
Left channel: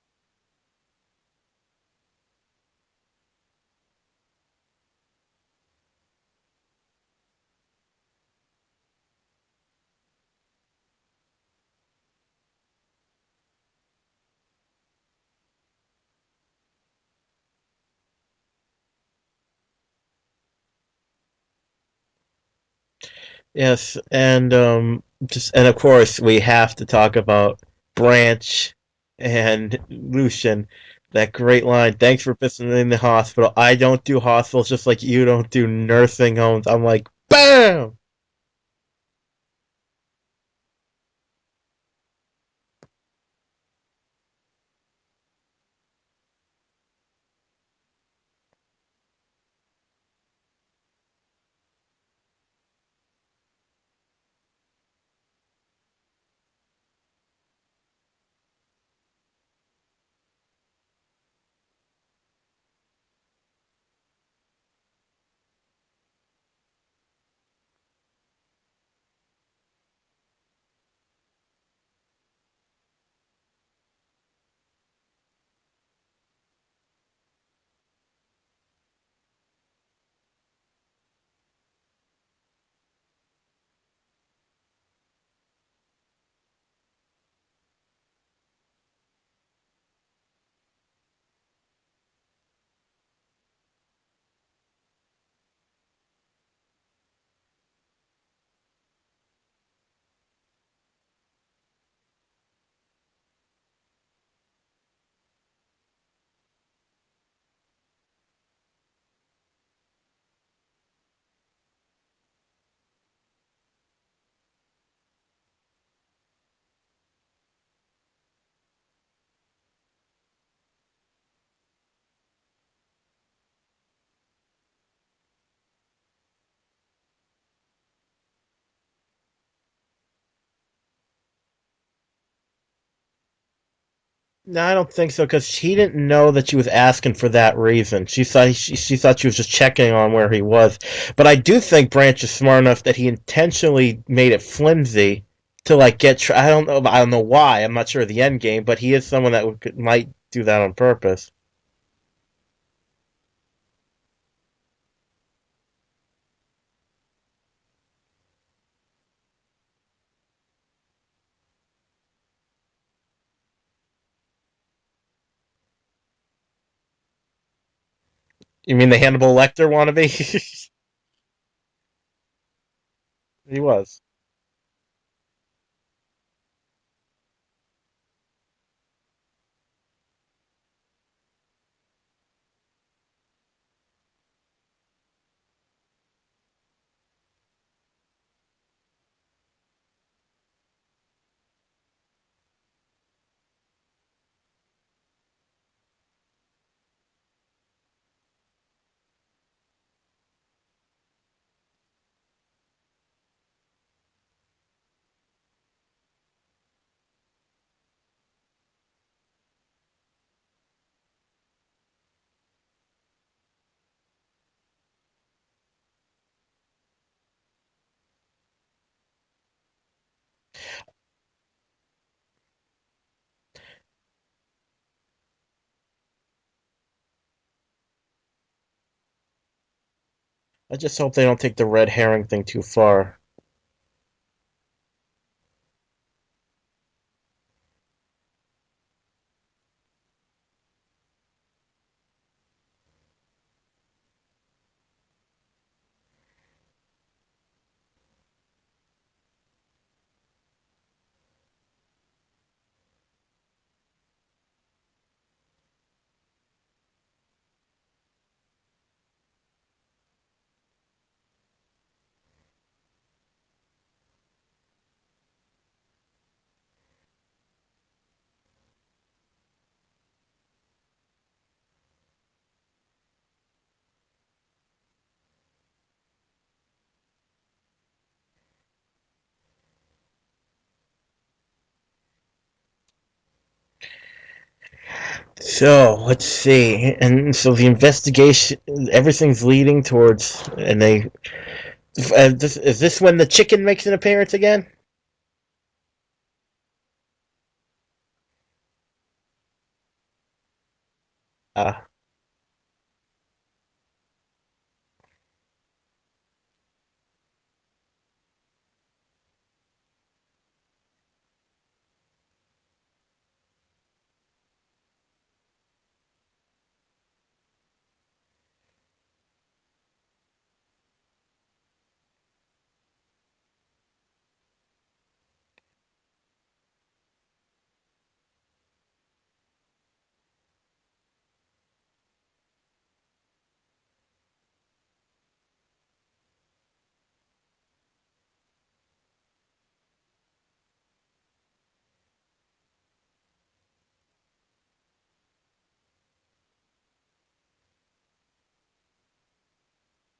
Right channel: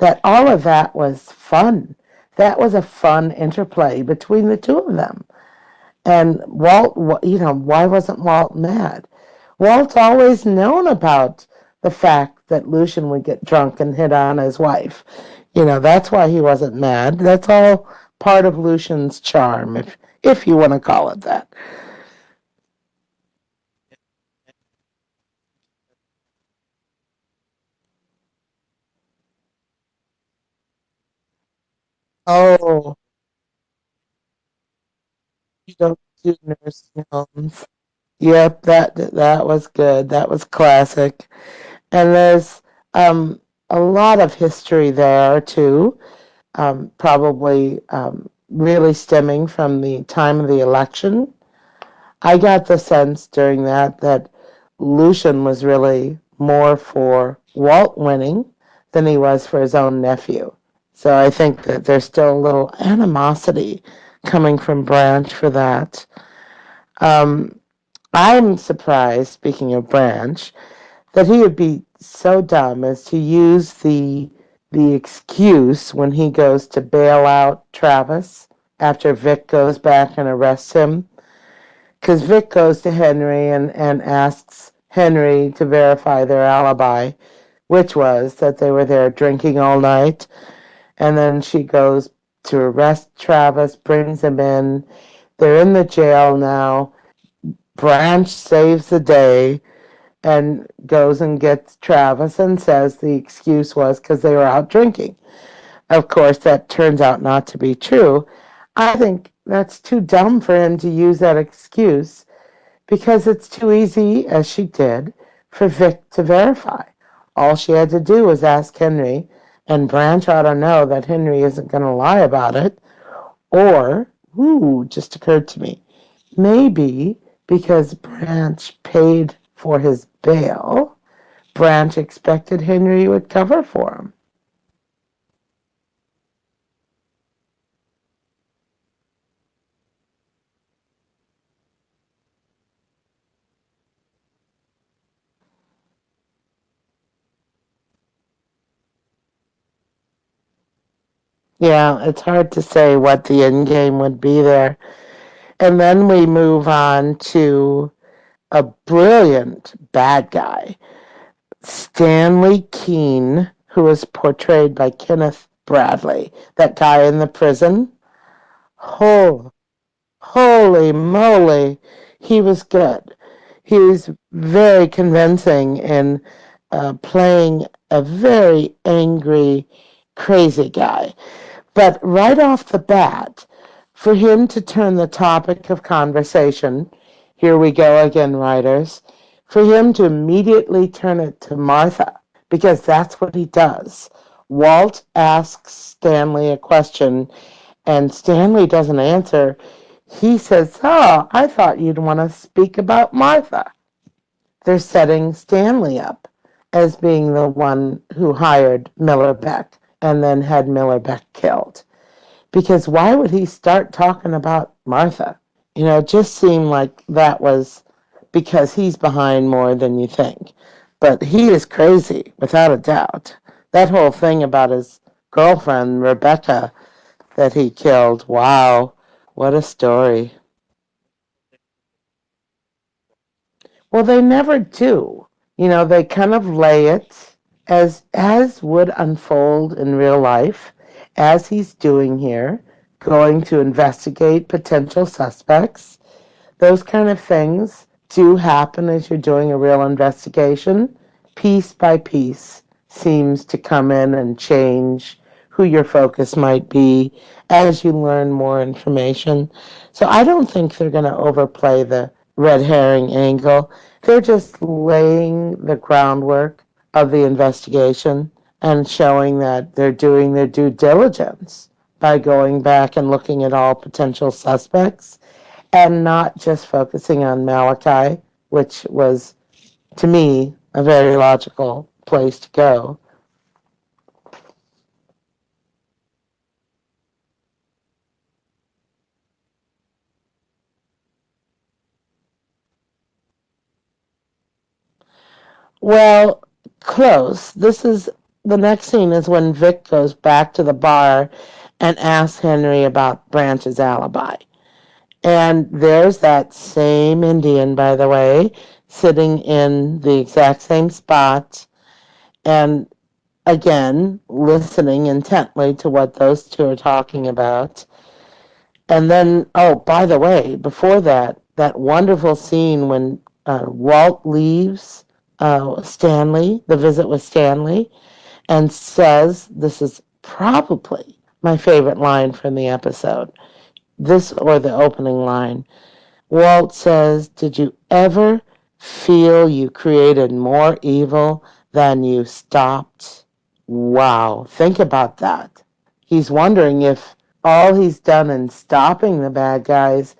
that all of that was fun. That was a fun interplay between the two of them. And Walt, why wasn't Walt mad? Walt's always known about the fact that Lucian would get drunk and hit on his wife. That's why he wasn't mad. That's all part of Lucian's charm, if you want to call it that. yes, and just and of course we have to talk about Branch and Lucian. That great line. Thanks for visiting the Oh, hospital. I don't do hospitals just like you don't do don't do nursing homes. I'm nursing like, homes. bam! Yep, that was good. That was classic. And there's um, a lot of history there too. Probably really stemming from the time of the election. I got the sense during that Lucian was really more for Walt winning than he was for his own nephew. So I think that there's still a little animosity coming from Branch for that. Um, I'm surprised, speaking of Branch, that he would be so dumb as to use the excuse when he goes to bail out Travis after Vic goes back and arrests him. Because Vic goes to Henry and asks Henry to verify their alibi, which was that they were there drinking all night. And then she goes to arrest Travis, brings him in. They're in the jail now. Branch saves the day and goes and gets Travis and says the excuse was because they were out drinking. Of course, that turns out not to be true. I think that's too dumb for him to use that excuse because it's too easy, as she did, for Vic to verify. All she had to do was ask Henry, and Branch ought to know that Henry isn't going to lie about it. Or, just occurred to me, maybe because Branch paid for his bail, Branch expected Henry would cover for him. No, I don't think so because she didn't know that she was asking for that reason. She thought she was just checking on where he was. But I do think Branch is smart enough that he intentionally made it flimsy to like I don't know why. I'm not sure of the end game, but he is someone that might do that on purpose. Yeah, it's hard to say what the end game would be there. And then we move on to a brilliant bad guy, Stanley Keene, who was portrayed by Kenneth Bradley, that guy in the prison. You mean the Hannibal Oh, Lecter wannabe? holy moly, he was good. He was. He's very convincing in playing a very angry, crazy guy. But right off the bat, for him to turn the topic of conversation, here we go again, writers, for him to immediately turn it to Martha, because that's what he does. Walt asks Stanley a question, and Stanley doesn't answer. He says, "Oh, I thought you'd want to speak about Martha." They're setting Stanley up as being the one who hired Miller Beck and then had Miller Beck killed. Because why would he start talking about Martha? It just seemed like that was because he's behind more than you think. But he is crazy, without a doubt. That whole thing about his girlfriend, Rebecca, that he killed, wow, what a story. I just hope they don't take the red herring thing too far. Well, they never do. They kind of lay it as would unfold in real life, as he's doing here, going to investigate potential suspects. Those kind of things do happen as you're doing a real investigation. Piece by piece seems to come in and change who your focus might be as you learn more information. So I don't think they're going to overplay the red herring angle. They're just laying the groundwork of the investigation and showing that they're doing their due diligence by going back and looking at all potential suspects and not just focusing on Malachi, which was, to me, a very logical place to go. So let's see, and so the investigation, everything's leading towards, and they. Is this when the chicken makes an appearance again? Well, close. This is the next scene is when Vic goes back to the bar Uh, and asks Henry about Branch's alibi. And there's that same Indian, by the way, sitting in the exact same spot and again listening intently to what those two are talking about. And then, oh, by the way, before that, that wonderful scene when Walt leaves Stanley, the visit with Stanley, and says, this is probably my favorite line from the episode. This or the opening line. Walt says, did you ever feel you created more evil than you stopped? Wow, think about that. He's wondering if all he's done in stopping the bad guys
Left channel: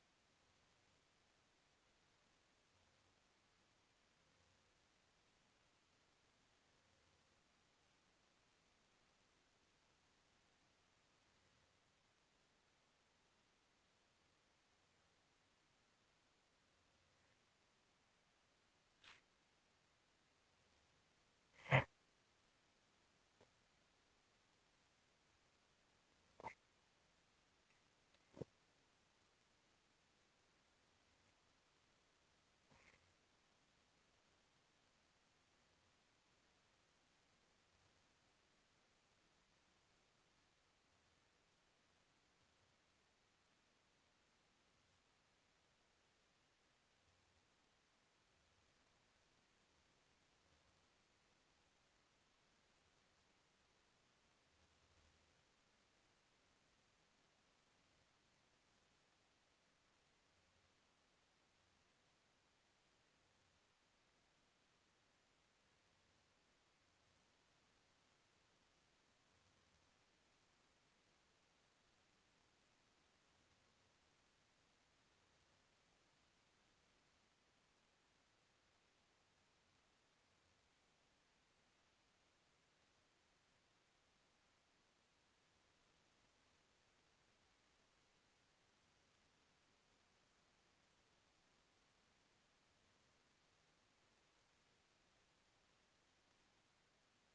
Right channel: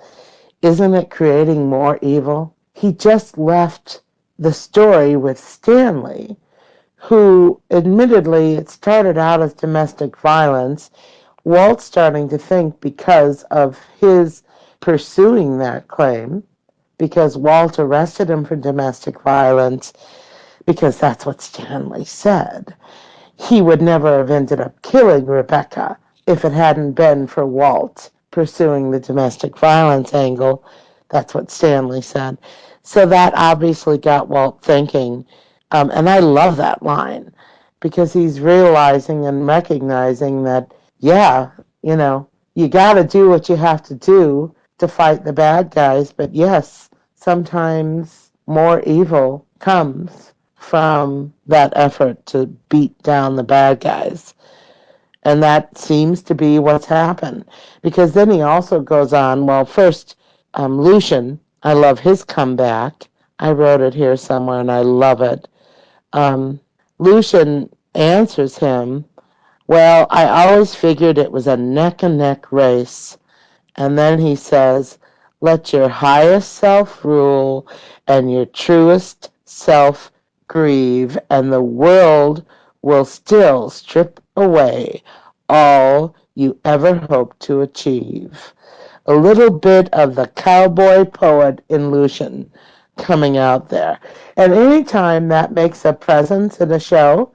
isn't it creating more evil? He just left the story with Stanley, who admittedly it started out as domestic violence. Walt's starting to think because of his pursuing that claim, because Walt arrested him for domestic violence, because that's what Stanley said. He would never have ended up killing Rebecca if it hadn't been for Walt pursuing the domestic violence angle. That's what Stanley said. So that obviously got Walt thinking. And I love that line because he's realizing and recognizing that, yeah, you know, you got to do what you have to do to fight the bad guys. But yes, sometimes more evil comes from that effort to beat down the bad guys. And that seems to be what's happened. Because then he also goes on, well, first, Lucian, I love his comeback. I wrote it here somewhere and I love it. Um, Lucian answers him, well, I always figured it was a neck and neck race. And then he says, let your highest self rule and your truest self grieve, and the world will still strip away all you ever hoped to achieve. A little bit of the cowboy poet in Lucian coming out there. And anytime that makes a presence in a show,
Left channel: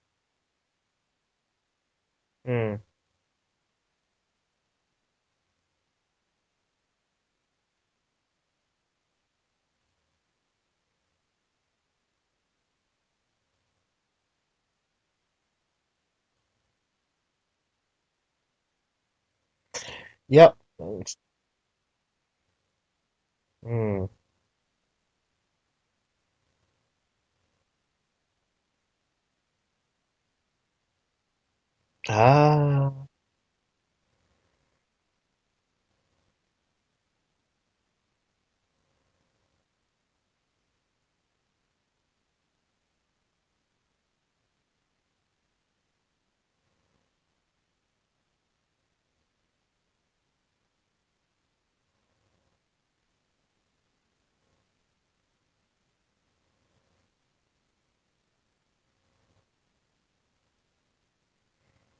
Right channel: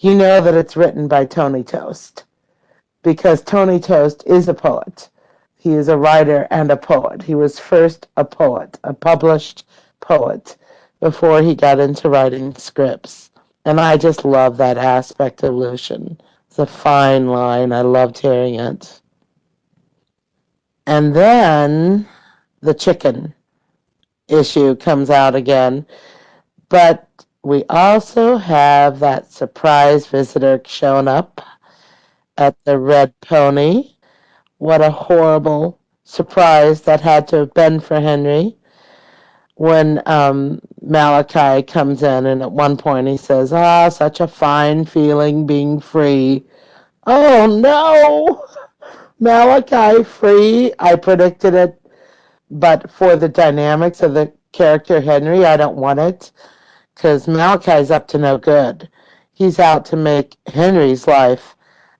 you know that it's written by Tony Toast mm. because Tony Toast is a poet. He is a writer and a poet. He was first a poet, a published poet, before he got into writing scripts. And I just love that aspect of Lucian. It's a fine line. I loved hearing it. Yep. And then the chicken Mm. issue comes out again. But we also have that surprise visitor showing up at the Ah. Red Pony. What a horrible surprise that had to have been for Henry when Malachi comes in, and at one point he says, ah, such a fine feeling being free. Oh no! Malachi free. I predicted it, but for the dynamics of the character Henry, I don't want it because Malachi's up to no good. He's out to make Henry's life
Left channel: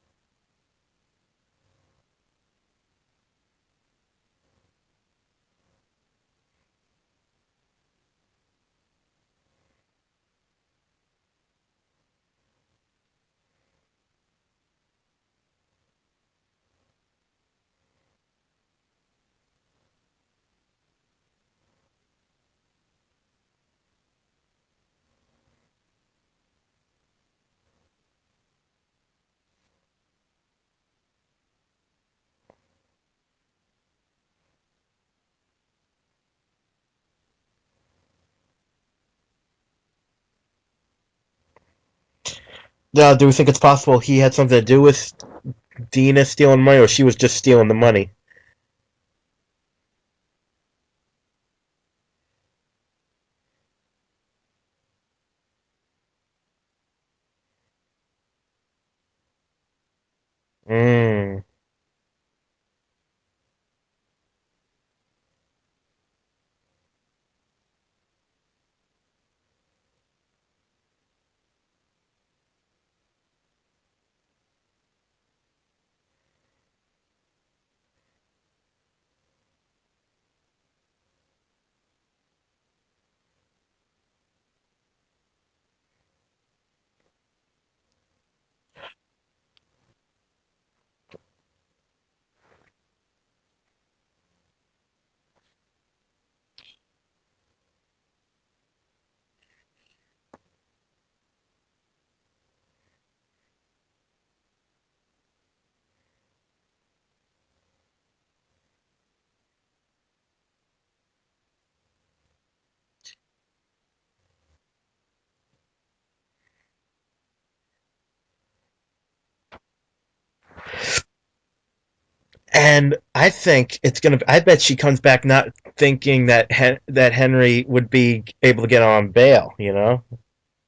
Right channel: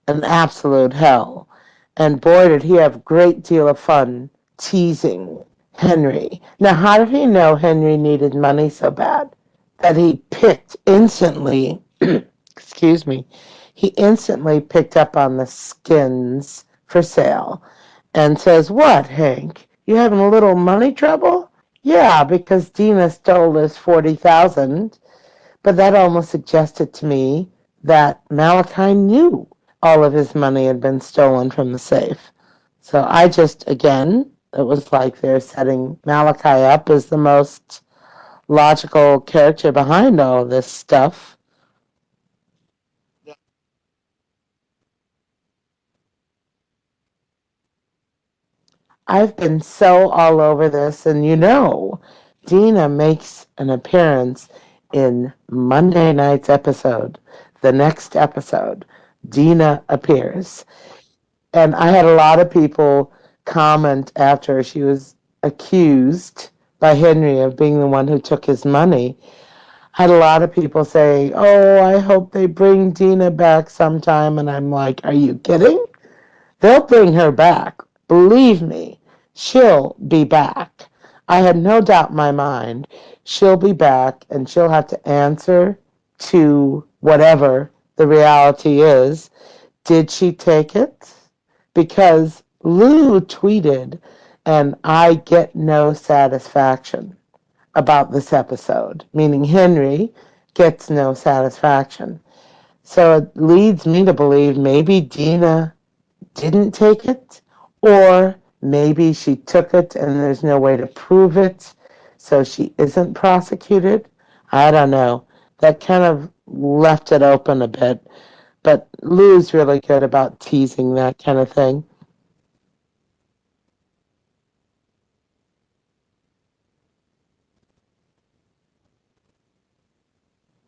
an absolute hell. And boy, did he have a great deal of fun teasing Henry. Now, how did he know Henry needed money so bad that he picked instantly, excuse me, he instantly picked up on the skins for sale and says, what, Hank? You having a little money trouble? Yeah, because Dina stole this 40,000, but that almost suggested to me that Malachi knew all of his money had been stolen from the safe. So I just, again, it was like they're setting Malachi up as the most logical character behind all of this stuff. Do we think it's possible he had something to do with Dina stealing money, or she was just stealing the money? I've been so all over this, and you know, Dina makes an appearance in Monday night's episode. The next episode, Dina appears. Mm. And I had a lot of people comment after she was accused by Henry of being the one who took his money. Had a lot of people say, "Oh, I hope they bring Dina back sometime." And I'm like, "Are you kidding? They'll bring her back. Believe me, she'll be back." I had no doubt in my mind she'll be back and she'll have to answer to whatever the reality is. Did she take it? Because Lou tweeted, and I get no satisfaction about this episode, meaning Henry gets no satisfaction. So it leads me to believe maybe Dina didn't take it, or maybe she took it and there's no way to prove it, so she isn't prosecuted. I don't know. That kind of left it open a bit, but Lou's really good about teasing that kind of thing. And I think it's gonna. I bet she comes back not thinking that that Henry would be able to get on bail. You know.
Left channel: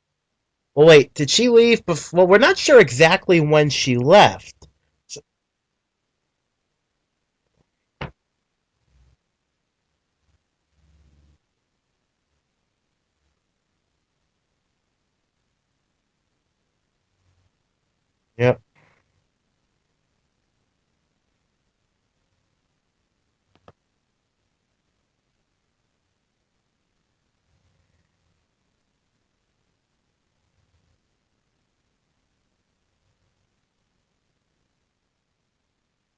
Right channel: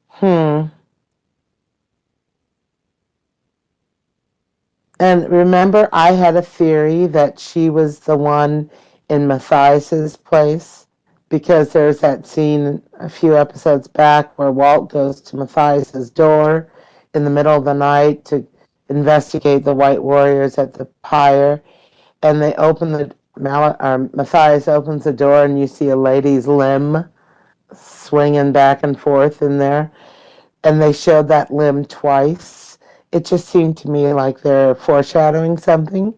Hmm. Well, wait. Did she leave before? Well, we're not sure exactly when she left. And remember, I had a theory that she was the one in Matthias's place because there's that scene a few episodes back where Walt goes to Matthias's door in the middle of the night to Yep. investigate the White Warriors at the pyre, and they open the Matthias opens the door and you see a lady's limb swinging back and forth in there, and they showed that limb twice. It just seemed to me like they're foreshadowing something.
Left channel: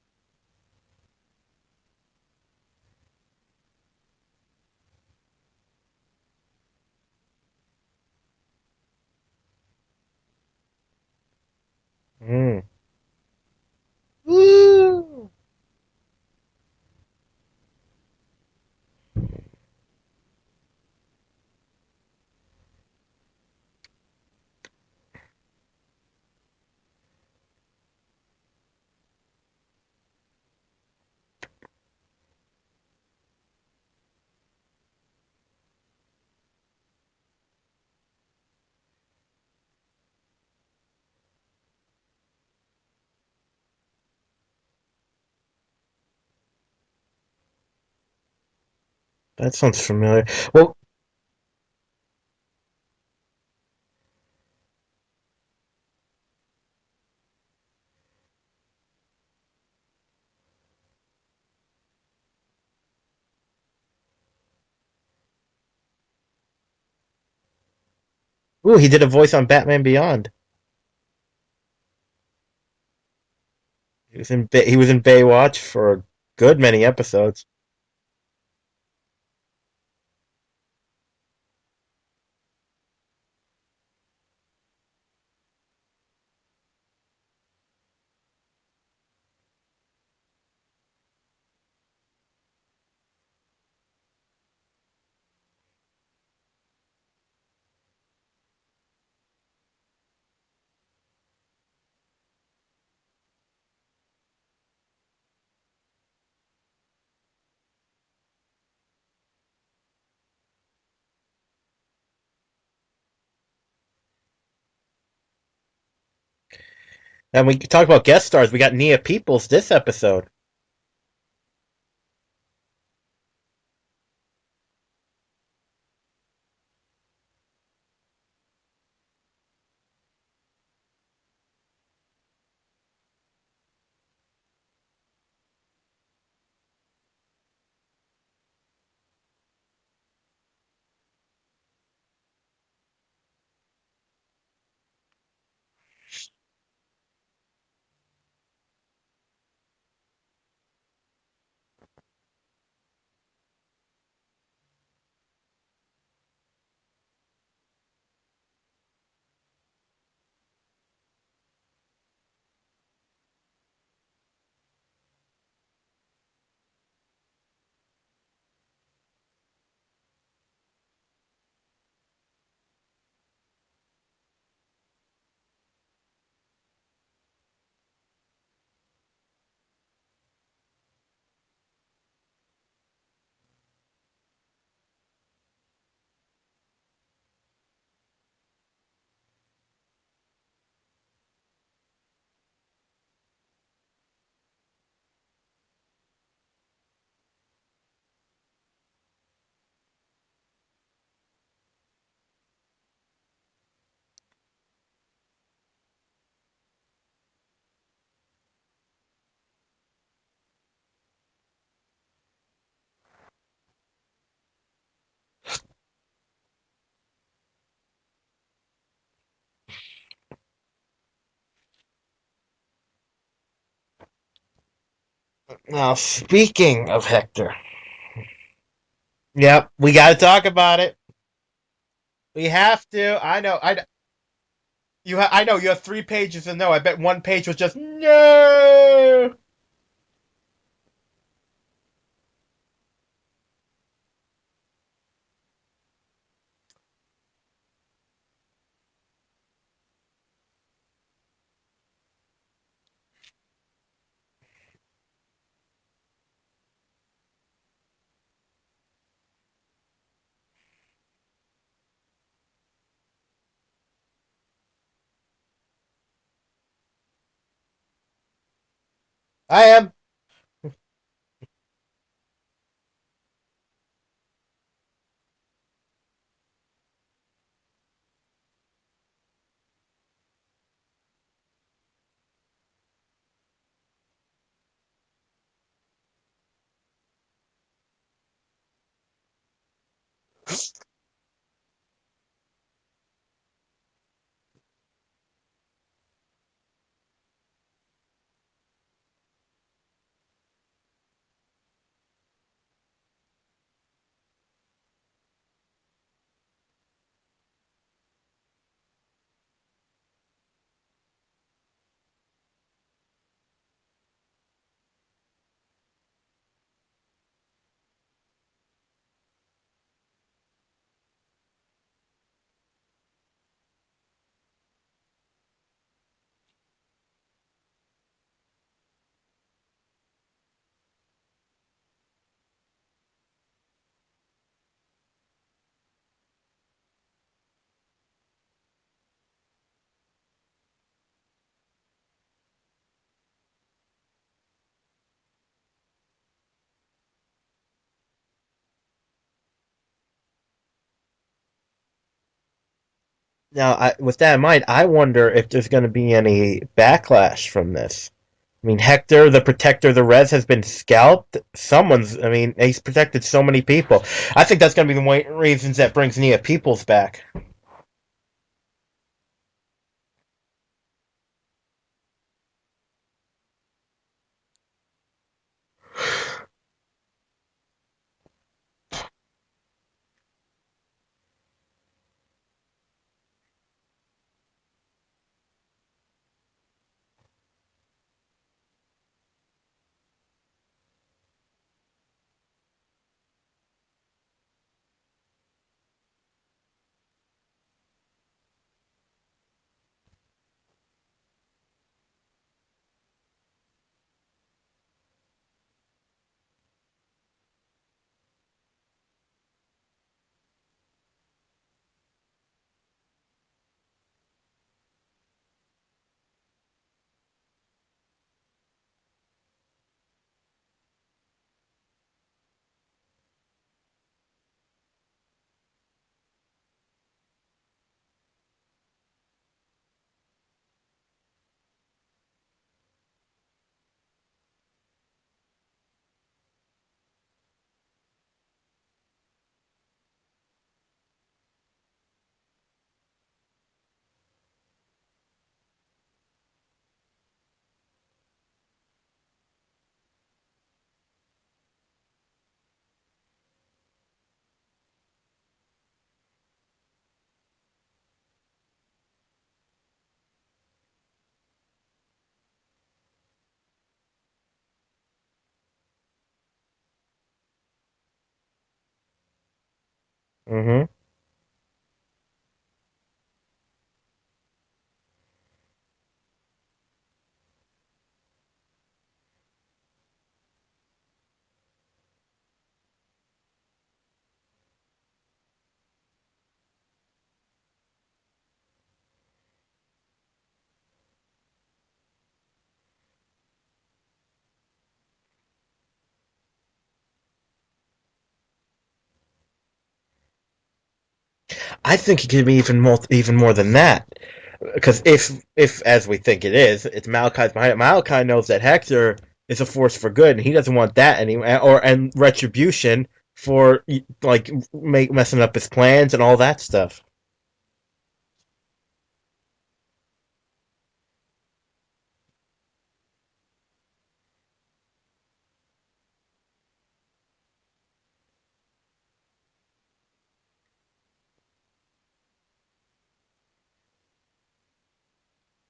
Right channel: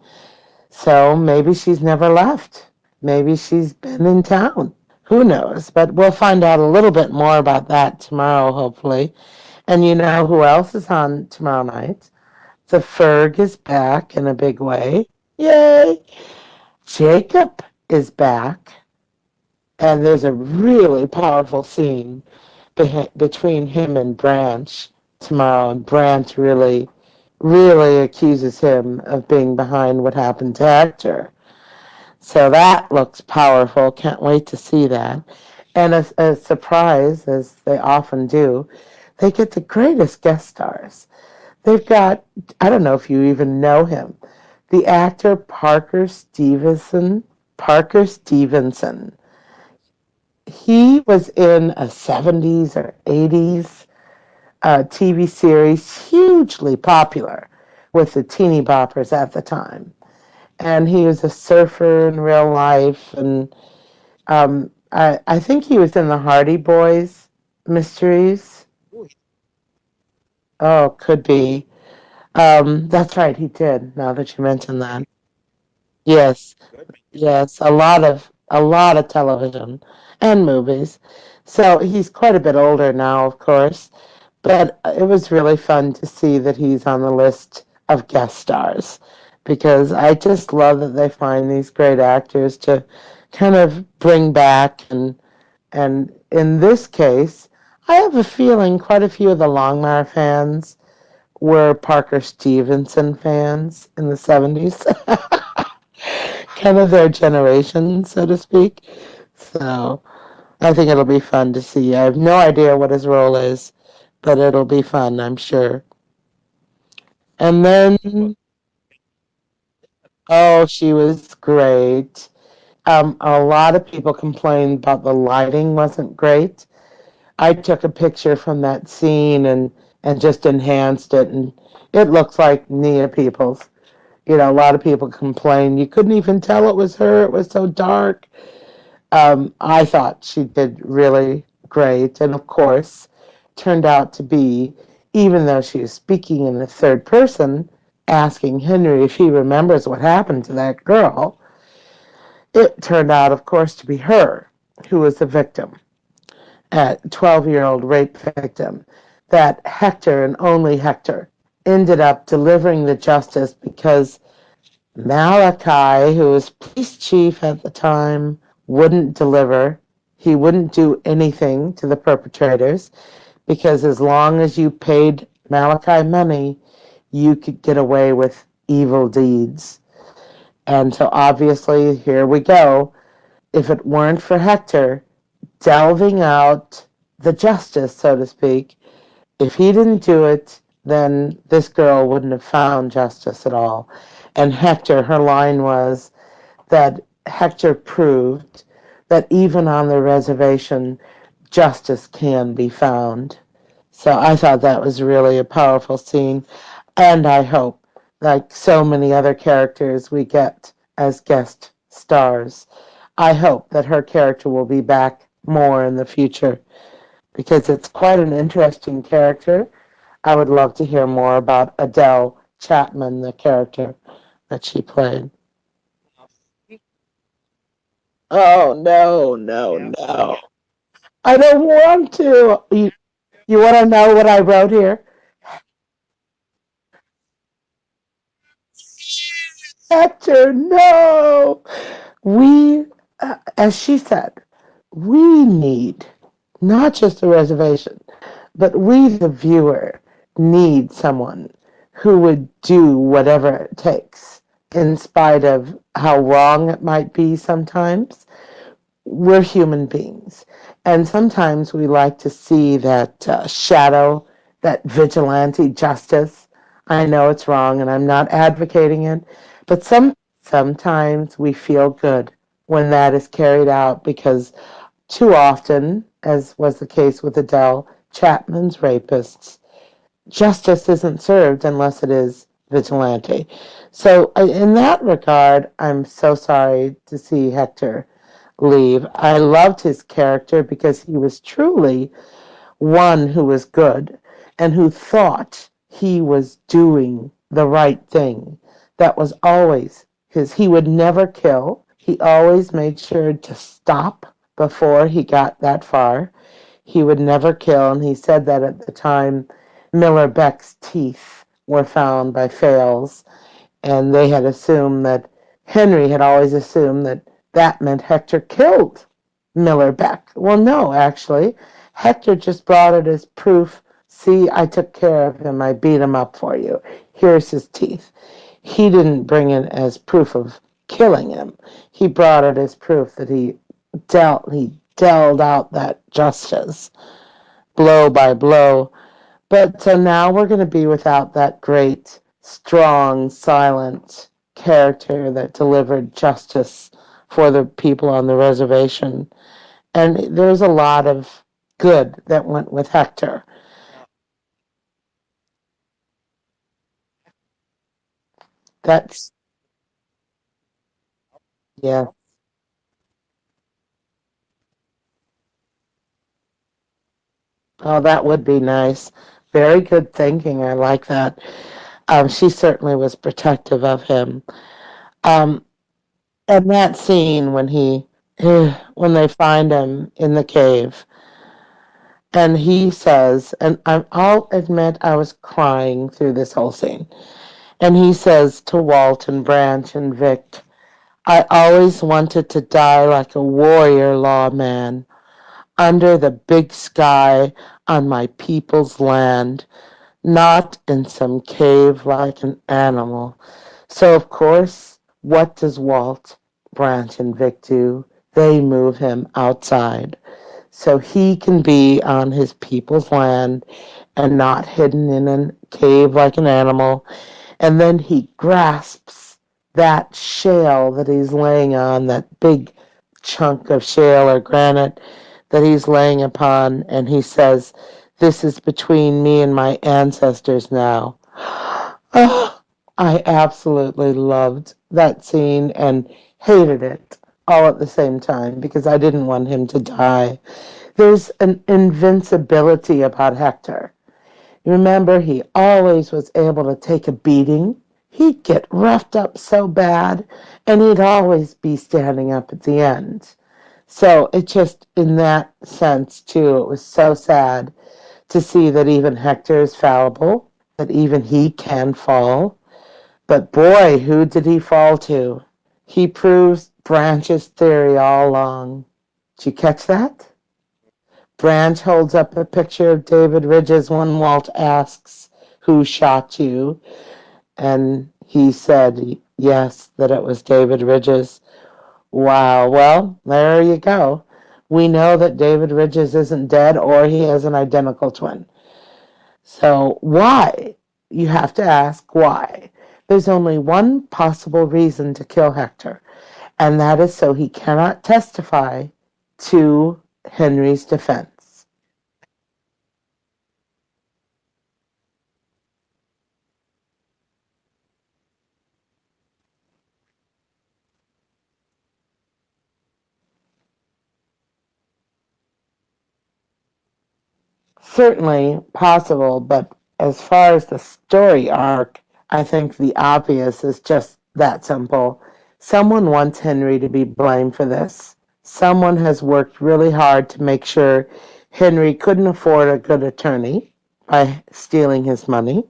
So maybe she's never left. Maybe she's been in town. Who knows? But we'll find out a little bit more about that tomorrow, hopefully. And you know who else is on tomorrow night? Mm. The Ferg is back in a big way. Woo! Yay! Jacob is back. And there's a really powerful scene between him and Branch tomorrow. And Branch really, really accuses him of being behind what happened to Hector. So that looks powerful. Can't wait to see that. And a surprise, as they often do, they get the greatest guest stars. They've got, I don't know if you even know him, the actor Parker Stevenson. Parker Stevenson. That sounds familiar. Well, He was in a 70s or 80s TV series, hugely popular with the teeny boppers at the time. And he was a surfer in real life. And I think he was in the Hardy Boys mysteries. ooh, he did a voice on Batman Beyond. Oh, could be. That's right, he did. Now that you He mention was in that, Baywatch for a yes, good many episodes. yes, a lot of television and movies. So he's quite a bit older now, of course. But it was really fun to see that he's on the list of guest stars because I just love that they find these great actors to kind of bring back, and in this case, I have a feeling quite a few of the Longmire fans were Parker Stevenson fans in the 70s. Kind of their generation, so to speak. So I think it'll be fun to see. I have no idea what his role is, but it'll be fun, I'm sure. And we And talk then, about guest stars. We got Nia Peoples this episode. oh, she was great. A lot of people complained about the lighting wasn't great. I took a picture from that scene and just enhanced it, and it looks like Nia Peoples. You know, a lot of people complained you couldn't even tell it was her. It was so dark. I thought she did really great, and of course, turned out to be, even though she was speaking in the third person, asking Henry if he remembers what happened to that girl, it turned out, of course, to be her who was the victim, a 12-year-old rape victim, that Hector and only Hector ended up delivering the justice because Malachi, who was police chief at the time, wouldn't deliver. He wouldn't do anything to the perpetrators because as long as you paid Malachi money, you could get away with evil deeds. And so obviously, here we go. If it weren't for Hector delving out the justice, so to speak, if he didn't do it, then this girl wouldn't have found justice at all. And Hector, her line was that Hector proved that even on the reservation, justice can be found. So I thought that was really a powerful scene. And I hope, like so many other characters we get as guest stars, I hope that her character will be back more in the future because it's quite an interesting character. I would love to hear more about Adele Chapman, the character that she played. Now, speaking of Hector, Oh, no, yep, no, we got to no. talk about it. I don't want We to. have to. I know. You want to know what I wrote here? I know you have 3 pages to know. I bet one page was just no. Hector, no. We, as she said, we need not just a reservation, but we, the viewer, need someone who would do whatever it takes, in spite of how wrong it might be sometimes. We're human beings. And sometimes we like to see that shadow, that vigilante justice. I know it's wrong and I'm not advocating it, I but am. sometimes we feel good when that is carried out because too often, as was the case with Adele Chapman's rapists, justice isn't served unless it is vigilante. So, in that regard, I'm so sorry to see Hector leave. I loved his character because he was truly one who was good and who thought he was doing the right thing. That was always he would never kill. He always made sure to stop before he got that far. He would never kill, and he said that at the time Miller Beck's teeth were found by Fales, and they had assumed that Henry had always assumed that that meant Hector killed Miller Beck. Well, no, actually, Hector just brought it as proof. See, I took care of him. I beat him up for you. Here's his teeth. He didn't bring it as proof of killing him. He brought it as proof that he dealt out that justice blow by blow. But so now we're going to be without that great, strong, silent character that delivered justice for the people on the reservation. And there's a lot of good that went with Hector. Now, with that in mind, I wonder if there's going to be any backlash from this. I mean, That's, Hector, the protector of the res, has been scalped. yeah. I mean, he's protected so many people. I think that's going to be the reasons that brings Nia Peoples back. Oh, that would be nice. Very good thinking. I like that. She certainly was protective of him. Um, and that scene when when they find him in the cave, and he says, and I'll admit I was crying through this whole scene. And he says to Walt and Branch and Vic, I always wanted to die like a warrior lawman under the big sky on my people's land, not in some cave like an animal. So, of course, what does Walt, Branch, and Vic do? They move him outside so he can be on his people's land and not hidden in a cave like an animal. And then he grasps that shale that he's laying on, that big chunk of shale or granite that he's laying upon, and he says, This is between me and my ancestors now. Oh, I absolutely loved that scene and hated it all at the same time because I didn't want him to die. There's an invincibility about Hector. Remember, he always was able to take a beating. He'd get roughed up so bad, and he'd always be standing up at the end. So it just, in that sense, too, it was so sad to see that even Hector is fallible, that even he can fall. But boy, who did he fall to? He proves Branch's theory all along. Did you catch that? Mm-hmm. Branch holds up a picture of David Ridges when Walt asks, Who shot you? And he said, yes, that it was David Ridges. Wow. Well, there you go. We know that David Ridges isn't dead or he has an identical twin. So, why? You have to ask why. There's only one possible reason to kill Hector, and that is so he cannot testify to Henry's defense. I think it could be even more than that. Because if as we think it is, it's Malachi's behind it. Malachi knows that Hector is a force for good, and he doesn't want that anymore, and retribution for like messing up his plans and all that stuff. Certainly possible, but as far as the story arc, I think the obvious is just that simple. Someone wants Henry to be blamed for this. Someone has worked really hard to make sure Henry couldn't afford a good attorney by stealing his money,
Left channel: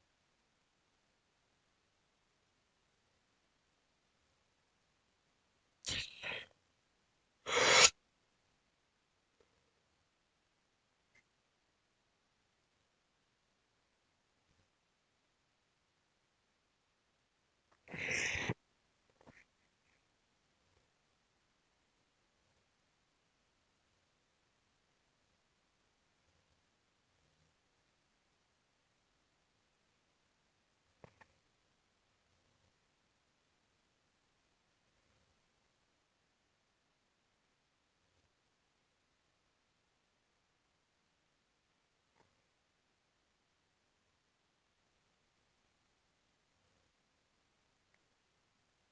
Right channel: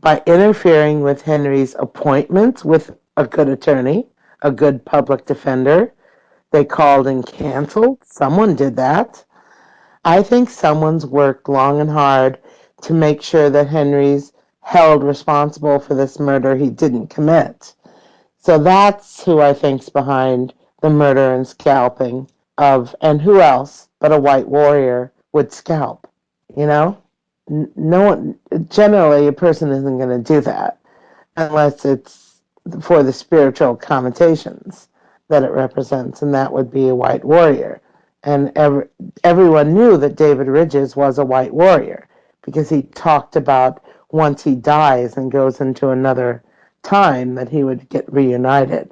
by interfering with Henry's appointment with a good attorney, a good public defender. They called and canceled. Someone did that. I think someone's worked long and hard to make sure that Henry's held responsible for this murder he didn't commit. So that's who I think's behind the murder and scalping of, and who else but a white warrior would scalp, you know? No one, generally, a person isn't going to do that unless it's for the spiritual connotations that it represents, and that would be a white warrior. And everyone knew that David Ridges was a white warrior because he talked about once he dies and goes into another time that he would get reunited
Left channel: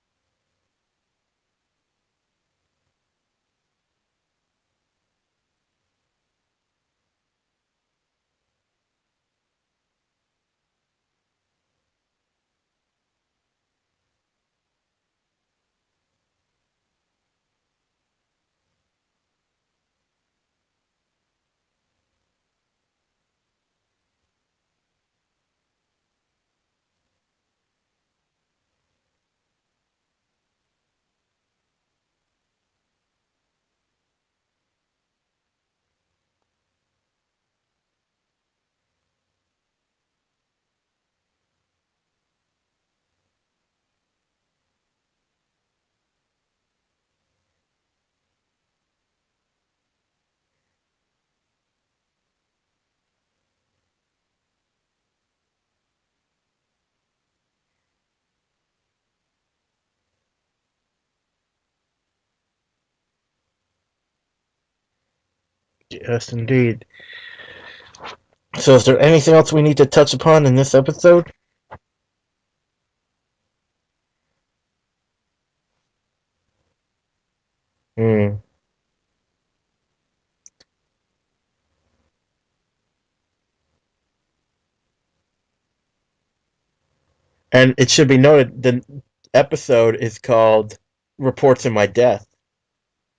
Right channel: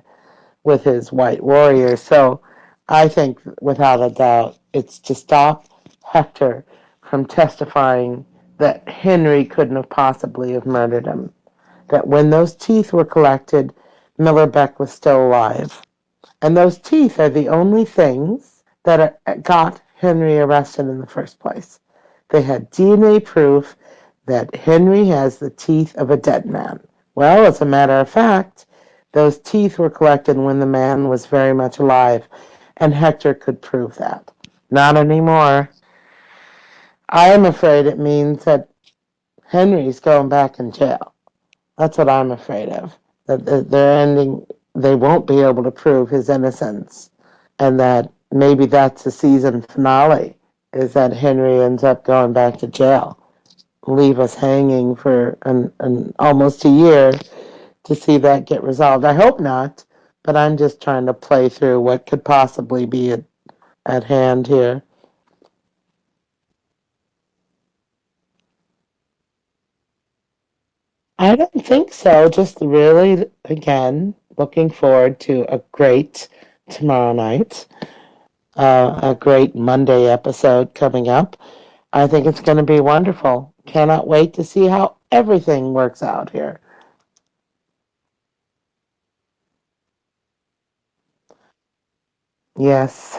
with his white warrior. So I think without a doubt it's to stop Hector from testifying that Henry couldn't have possibly have murdered him, that when those teeth were collected, Miller Beck was still alive. And those teeth are the only things that got Henry arrested in the first place. They had DNA proof that Henry has the teeth of a dead man. Well, as a matter of fact, those teeth were collected when the man was very much alive, and Hector could prove that. Not anymore. I am afraid it means that Henry's going back in jail. That's what I'm afraid of. That they're ending, they won't be able to prove his innocence, and that maybe that's the season finale, is that Henry ends up going back to jail, leave us hanging for an almost a year to see that get resolved. I hope not, but I'm just trying to play through what could possibly be at hand here. Yes, indeed. So, is there anything else we need to touch upon in this episode? I don't think so. Just really, again, looking forward to a great tomorrow night, Hmm. a great Monday episode coming up. I think it's going to be wonderful. Cannot wait to see how everything works out here. And it should be noted the episode is called "Reports of My Death." Yes,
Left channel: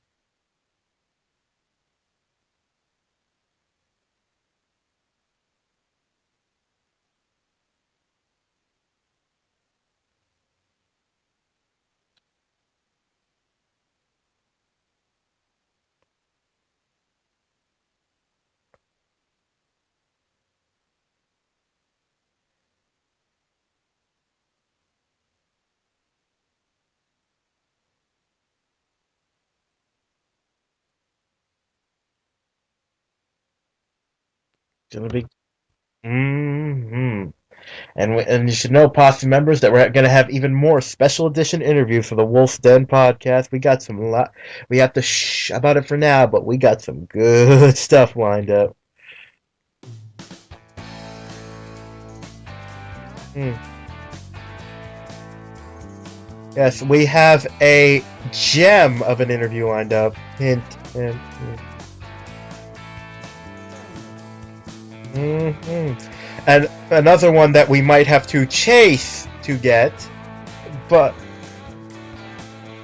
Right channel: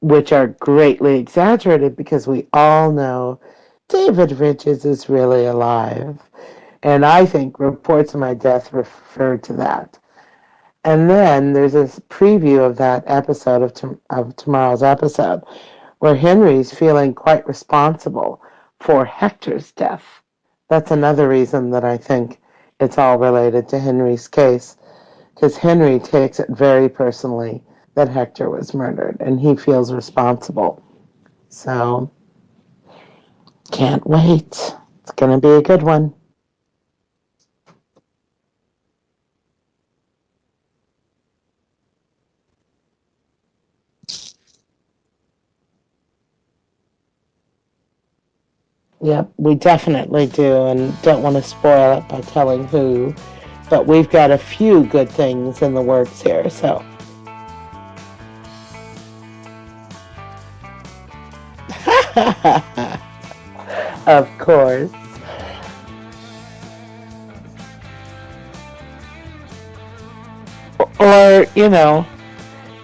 which are greatly exaggerated because we all know David Richards is really alive. And I think Reports of My Death referred to that. And then there's this preview of that episode of tomorrow's episode where Henry's feeling quite responsible for Hector's death. That's another reason that I think it's all related to Henry's case, because Henry takes it very personally that Hector was murdered and he feels responsible. So, can't wait. It's gonna It's be. going to be a good one. Hmm. And you should know, posse members, that we're gonna have even more special edition interviews for the Wolf's Den podcast. We got some lot. We have to shh about it for now, but we got some good stuff lined up. Yep, we definitely do, and don't want to spoil it by telling who, Hmm. but we've got a few good things in the works here, Yes, so. we have a gem of an interview lined up. Hint, hint, hint. Of course. And another one that we might have to chase to get, but Or,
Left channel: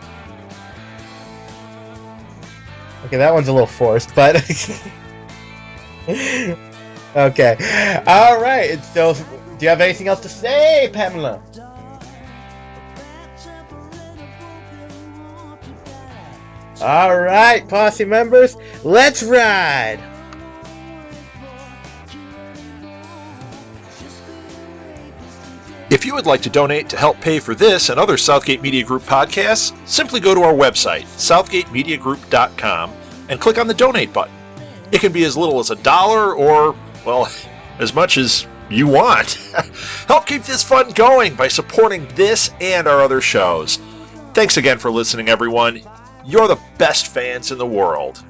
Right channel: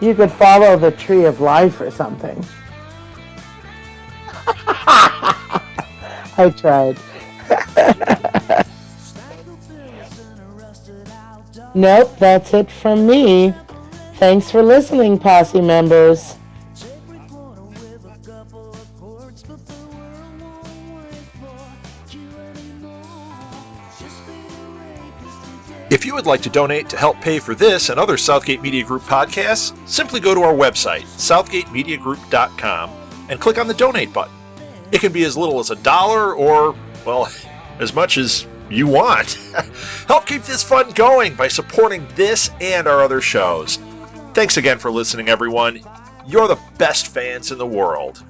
you could follow the tree of life or something. okay, that one's a little forced, but I tried. okay. All right. So, do you have anything else to say, Pamela? Nope, that's it from me. Thanks for listening, posse members. All right, posse members, let's ride. If you would like to donate to help pay for this and other Southgate Media Group podcasts, simply go to our website, southgatemediagroup.com, and click on the donate button. It can be as little as $1 or, well, as much as you want. Help keep this fun going by supporting this and our other shows. Thanks again for listening, everyone. You're the best fans in the world.